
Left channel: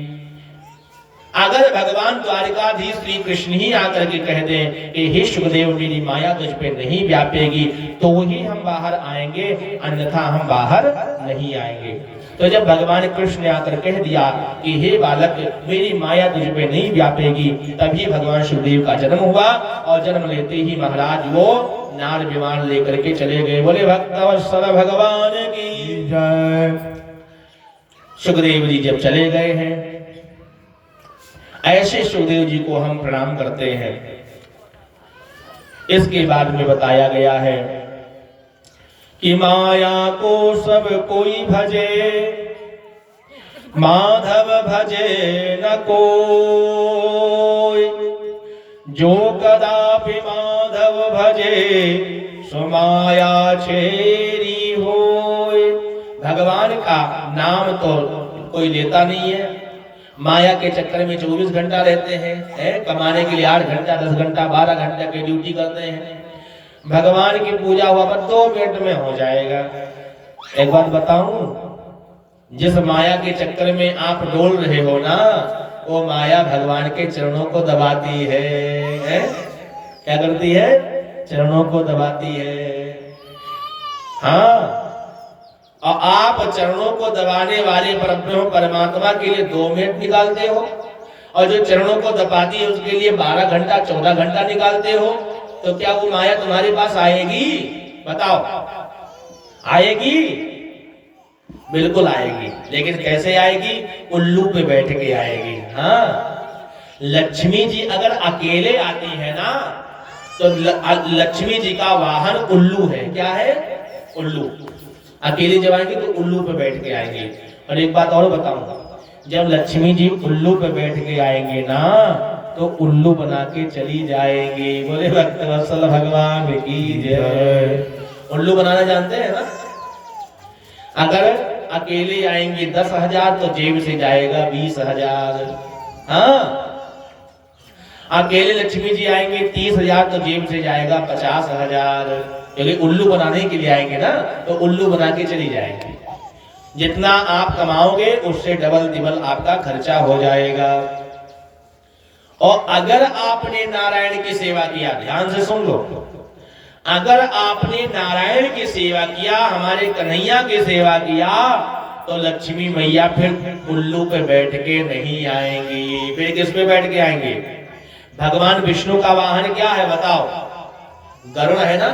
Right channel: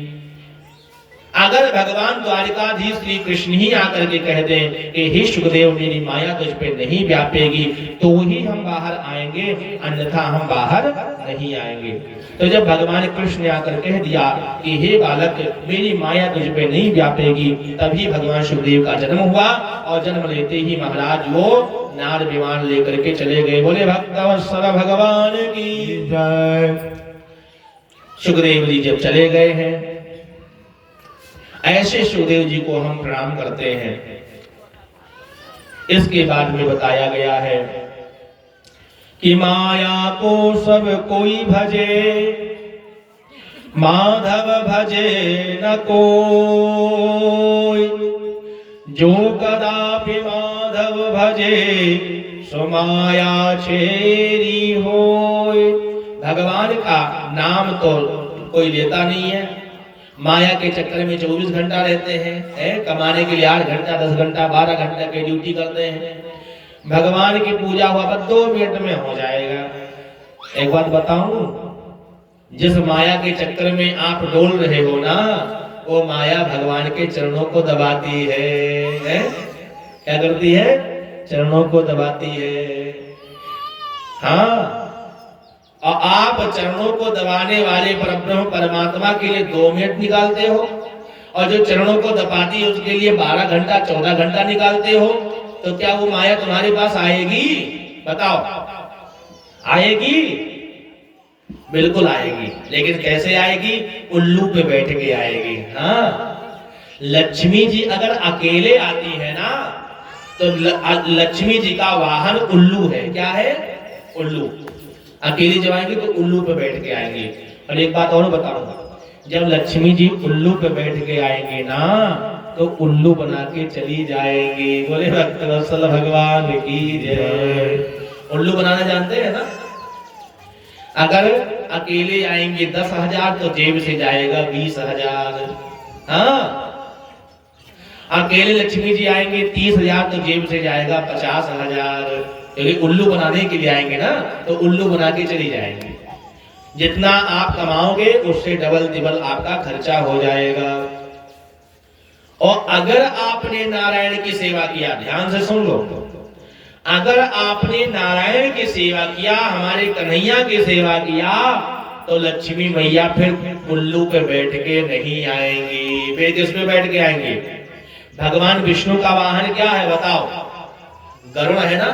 अगर भगवान द्वारिकाधीश श्री कृष्ण ही आकर के कह दें कि हे सुखदेव मेरी माया तुझ पे नहीं व्यापेगी, तो ही हम बाहर आएंगे, अन्यथा हम बाहर नहीं आएंगे। तो जब भगवान कृष्ण ने आकर कह दिया कि हे बालक मेरी माया तुझ पे नहीं व्यापेगी, तभी भगवान सुखदेव का जन्म हुआ, और जन्म लेते ही महाराज वो नार विमान लेकर के चले गए। बोले भक्तवत्सल भगवान की जय। सुखदेव जी जब चले गए हैं, ऐसे सुखदेव जी को हम प्रणाम करते हैं। इसके बाद में बताया गया है कि माया को सब कोई भजे, माधव भजे न कोई, जो कदापि माधव भजे सो माया छेरी होय। भगवान का नाम तो कोई लेता नहीं है, माया के चक्कर में 24 घंटा रहते हैं, कमाने के लिए 8 घंटा 10 घंटा 12 घंटा की ड्यूटी करते हैं। भगवान की पूजा हुआ पर 2 मिनट में हो जाएगा। एक बात बताऊं, जिस माया के चक्कर में आप डोल रहे हो ना, वो माया भगवान के चरणों को दबाती है? क्या करती है? चरणों को दबाती है। हाँ, और आप चरणों को दबाने वाले परब्रह्म परमात्मा के लिए 2 मिनट निकालते हो, और जो चरणों को दबाती है उसके लिए 12 घंटा 14 घंटा निकालते हो, तो क्या वो माया तुम्हारे पास आएगी? बताओ, आएगी? बिल्कुल आएगी। लेकिन कैसे आएगी? उल्लू पे बैठ के आएगी। हाँ, लक्ष्मी जी अगर अकेले आती है ना, तो लक्ष्मी जी का वाहन उल्लू है। क्या है? उल्लू। अकेले जब आएंगे तो उल्लू पे बैठ के आएंगे। और एक बात और बताऊंगा, जब लक्ष्मी जी उल्लू पे बैठ के आएंगे ना, तो उल्लू बना के चली जाएंगी। बोले भक्तवत्सल भगवान की जय। उल्लू बनाना जानते हैं ना? अगर अकेले आएंगे 10,000 तो जेब से जाएगा 20,000। हाँ, अकेले लक्ष्मी जी आएंगे 30,000 तो जेब से जाएगा 50,000। क्योंकि उल्लू बनाने के लिए आएंगे ना, तो उल्लू बना के चली जाएंगे। जितना आप कमाओगे उससे डबल तिबल आपका खर्चा हो जाएगा। और अगर आपने नारायण की सेवा किया, ध्यान से सुन लो, अगर आपने नारायण की सेवा किया, हमारे कन्हैया की सेवा किया, तो लक्ष्मी मैया फिर उल्लू पे बैठ के नहीं आएंगी। फिर किस पे बैठ के आएंगे? भगवान विष्णु का वाहन क्या है बताओ? गरुड़ है ना?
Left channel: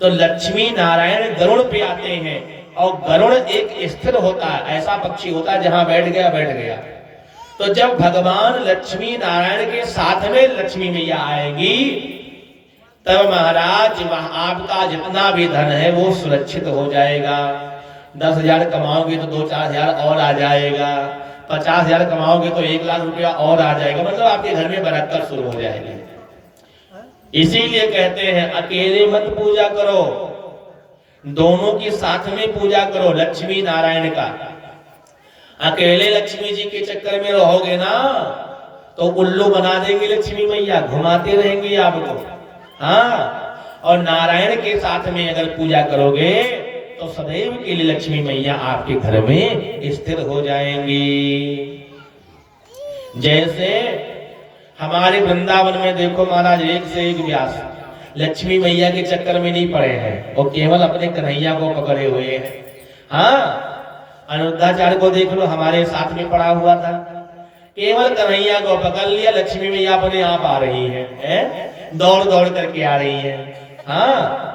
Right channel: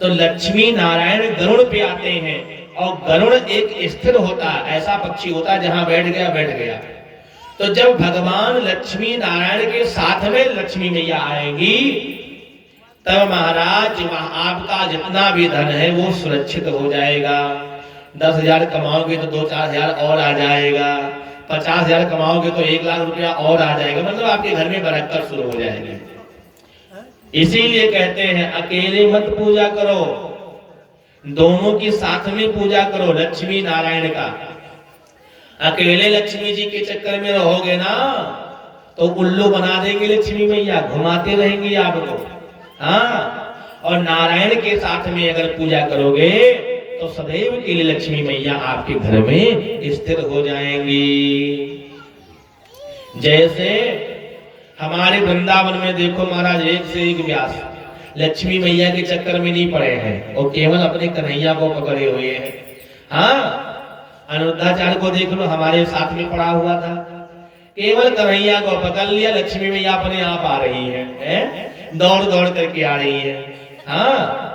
तो लक्ष्मी नारायण गरुड़ पे आते हैं, और गरुड़ एक स्थिर होता है, ऐसा पक्षी होता है जहां बैठ गया बैठ गया। तो जब भगवान लक्ष्मी नारायण के साथ में लक्ष्मी मैया आएगी, तब महाराज आपका जितना भी धन है वो सुरक्षित हो जाएगा। 10,000 कमाओगे तो 2-4 हजार और आ जाएगा, 50,000 कमाओगे तो 1 लाख रुपया और आ जाएगा। मतलब आपके घर में बरकत शुरू हो जाएगी। इसीलिए कहते हैं अकेले मत पूजा करो, दोनों की साथ में पूजा करो, लक्ष्मी नारायण का। अकेले लक्ष्मी जी के चक्कर में रहोगे ना, तो उल्लू बना देंगे लक्ष्मी मैया, घुमाते रहेंगे आपको। हाँ, और नारायण के साथ में अगर पूजा करोगे तो सदैव के लिए लक्ष्मी मैया आपके घर में स्थिर हो जाएंगी। जैसे हमारे वृंदावन में देखो महाराज, एक से एक व्यास, लक्ष्मी मैया के चक्कर में नहीं पड़े हैं, वो केवल अपने कन्हैया को पकड़े हुए हैं। हाँ, अनिरुद्धाचार्य को देख लो, हमारे साथ में पड़ा हुआ था, केवल कन्हैया को पकड़ लिया, लक्ष्मी मैया अपने आप आ रही है? दौड़ दौड़ करके आ रही है। हाँ,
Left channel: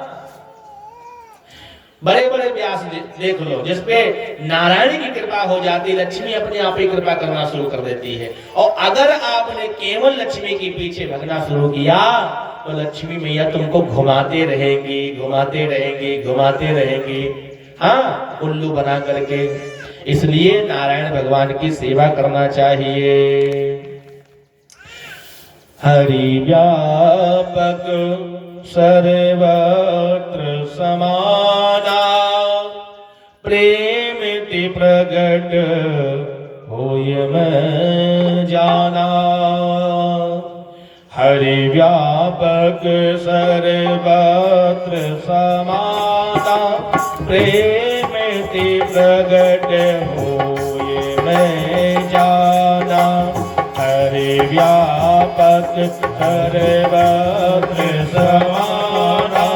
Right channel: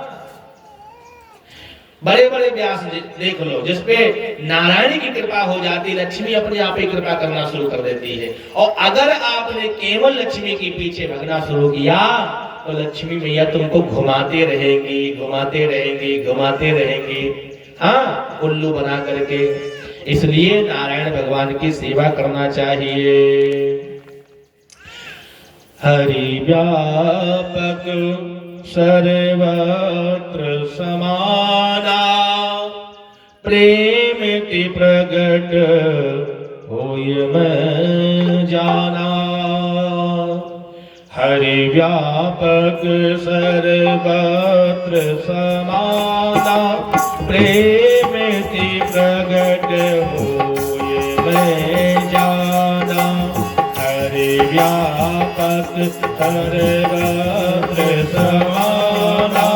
बड़े बड़े व्यास देख लो, जिसपे नारायण की कृपा हो जाती, लक्ष्मी अपने आप ही कृपा करना शुरू कर देती है। और अगर आपने केवल लक्ष्मी के पीछे भगना शुरू किया तो लक्ष्मी मैया तुमको घुमाते रहेंगी, घुमाते रहेंगी, घुमाते रहेंगी, हाँ, उल्लू बना करके। इसलिए नारायण भगवान की सेवा करना चाहिए। हरि व्यापक सर्वत्र समाना, प्रेमिति प्रगट होय मैं जाना। हरि व्यापक सर्वत्र समाना, प्रेमिति प्रगट होय मैं जाना। हरि व्यापक सर्वत्र समाना,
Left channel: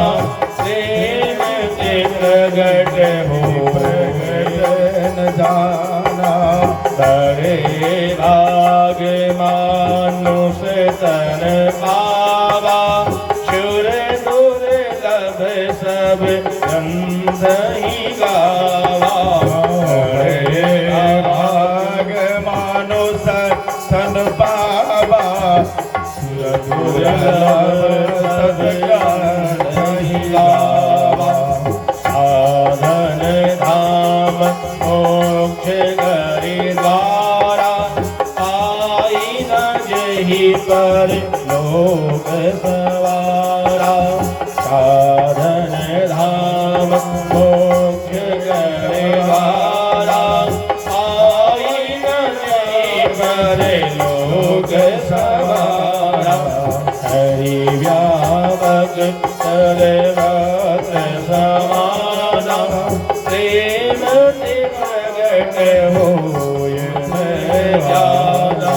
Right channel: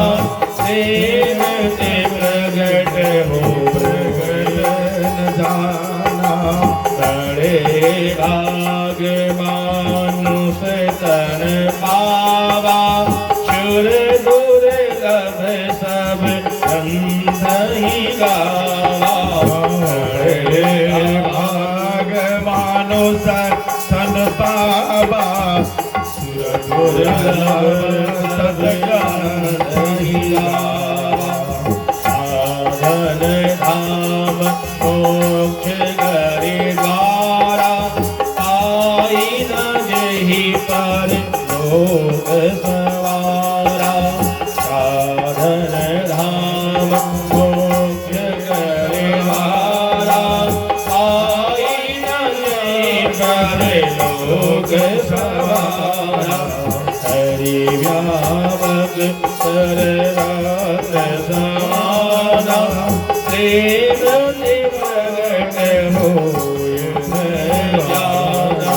प्रेमिति प्रगट होय मैं जाना। हरे भाग मानुष तन पावा, शूर दुर्लभ सब संधि गावा। हरे भाग मानुष तन पावा, शूर दुर्लभ सब संधि गावा। साधन धाम मोक्ष गरीबारा, पाई न जहि पर लोक सवारा। साधन धाम मोक्ष गरीबारा, पाई न जहि पर लोक सवारा। हरि व्यापक सर्वत्र समाना, प्रेम प्रगट होय मैं जाना।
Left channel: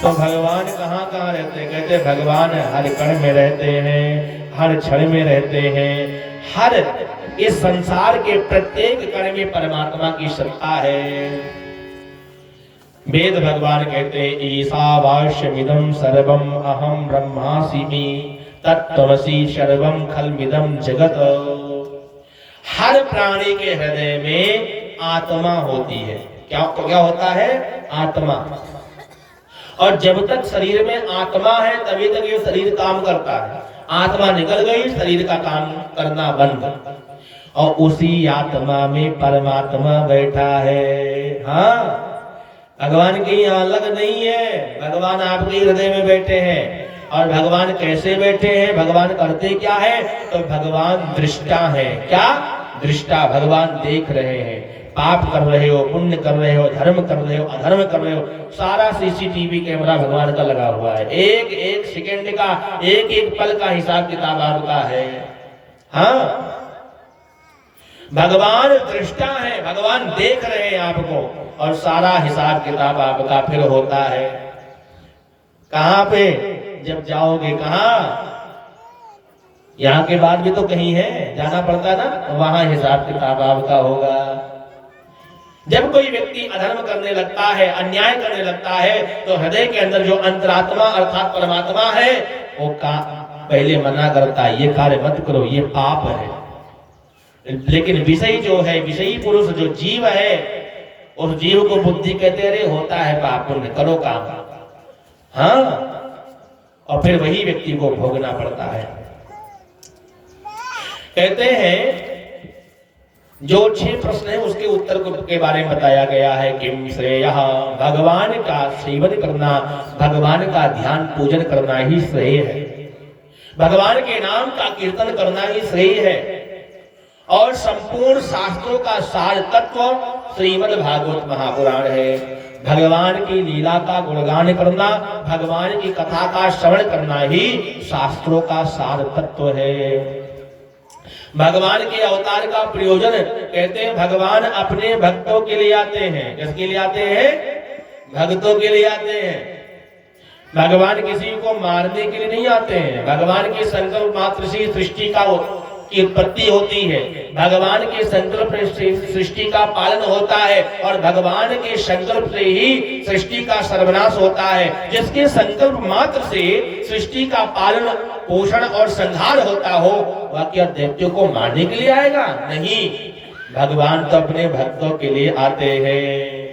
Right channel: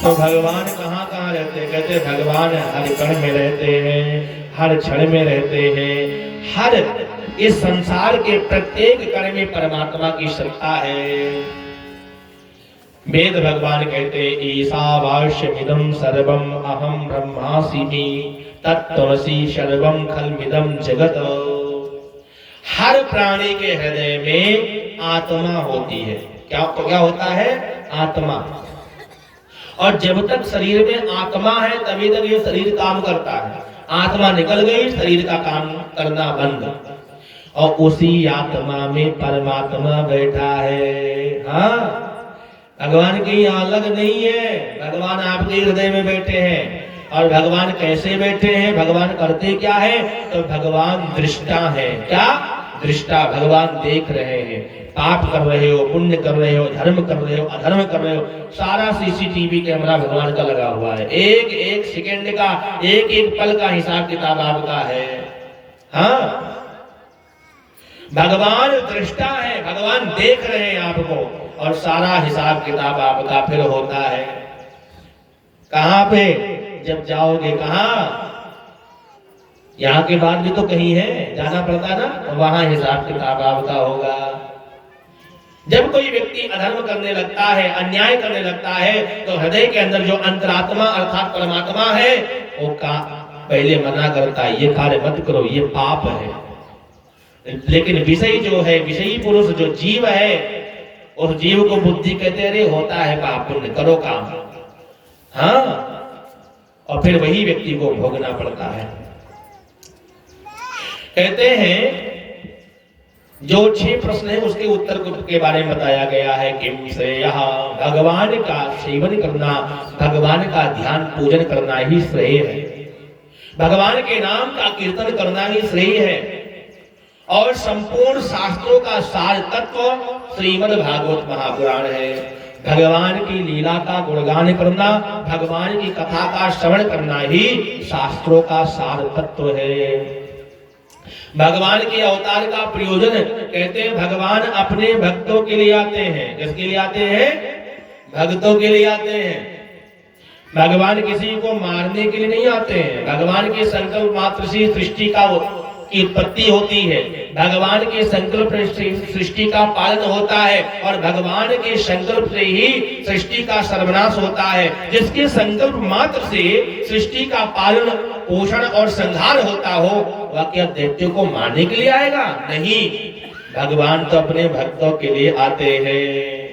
तो भगवान कहाँ कहाँ रहते हैं? कहते भगवान हर कण में रहते हैं, हर क्षण में रहते हैं, हर इस संसार के प्रत्येक कण में परमात्मा की सत्ता है। वेद भगवान कहते हैं ईशावास्यमिदं सर्वम अहम ब्रह्मास्मि तत्त्वमसि सर्वम खलमिदं जगत। हर प्राणी के हृदय में आत्मा होती है। क्या क्या होता है? आत्मा। और जब तक शरीर में आत्मा है तभी तक ये शरीर काम करता है। आत्मा निकल गई, शरीर का काम करना बंद। और उसी आत्मा में परमात्मा बैठा है। हाँ, भगवान की अलग नहीं है, भगवान आपके हृदय में बैठे हैं। और भगवान कैसे बैठे हैं? भगवान करते क्या है? तो भगवान दृष्टा है। क्या दृष्टा? भगवान देख रहे हैं। पाप कर रहे हो, पुण्य कर रहे हो, धर्म कर रहे हो, अधर्म कर रहे हो, सारा सीसीटीवी कैमरा भगवान का लगा हुआ है। एक एक सेकंड का, एक एक पल का हिसाब किताब आपका है। हाँ, भगवान दृष्टा है, भगवान देख रहे हैं आपको, और सारा हिसाब किताब आपका फिर होता है। कहां पे? जब जाओगे कहां? यहाँ के बाद भी तो कहीं है, जाना पड़ता ना, वहां हिसाब किताब आपका होगा। जब कोई व्यक्ति अधर्म करने लगता है, अन्याय करने लगता है, तो हृदय के अंदर जो अंतरात्मा अर्थात परमात्मा है वो पहले मना करता है, ये कार्य मत करो, ये पाप है। लेकिन विषयी जो है, विषयी पुरुष जो जीव है, उस जीव को बुद्धि कहते अरे होता है पाप, पुण्य करो काम। हाँ, और फिर वही व्यक्ति को भोगना पड़ता है। कहते हैं जो 6 प्रश्न है उसके उत्तर के बारे में बताया गया है। किम श्रेय, भगवान का सेवन करना, भगवान का ध्यान पूजन करना ही श्रेय है। भगवान के नाम का कीर्तन करना ही श्रेय है। और संपूर्ण शास्त्रों का सार तत्व श्रीमद् भागवत महापुराण है। भगवान की लीला का गुणगान करना, भगवान की कथा का श्रवण करना ही शास्त्रों का सार तत्व है। भगवान के अवतार का प्रयोजन कहते हैं भगवान अपने भक्तों के लिए आते हैं। किसके लिए आते हैं? भक्तों के लिए आते हैं। भगवान किसी को मारने के लिए नहीं आते हैं। भगवान के संकल्प मात्र से सृष्टि की उत्पत्ति होती है। भगवान के संकल्प से सृष्टि का पालन होता है और भगवान के संकल्प से ही सृष्टि का सर्वनाश होता है। जिसके संकल्प मात्र से सृष्टि का पालन पोषण और संहार होता हो, वह क्या दैत्यों को मारने के लिए आएगा? नहीं, भगवान तो अपने भक्तों के लिए आते हैं।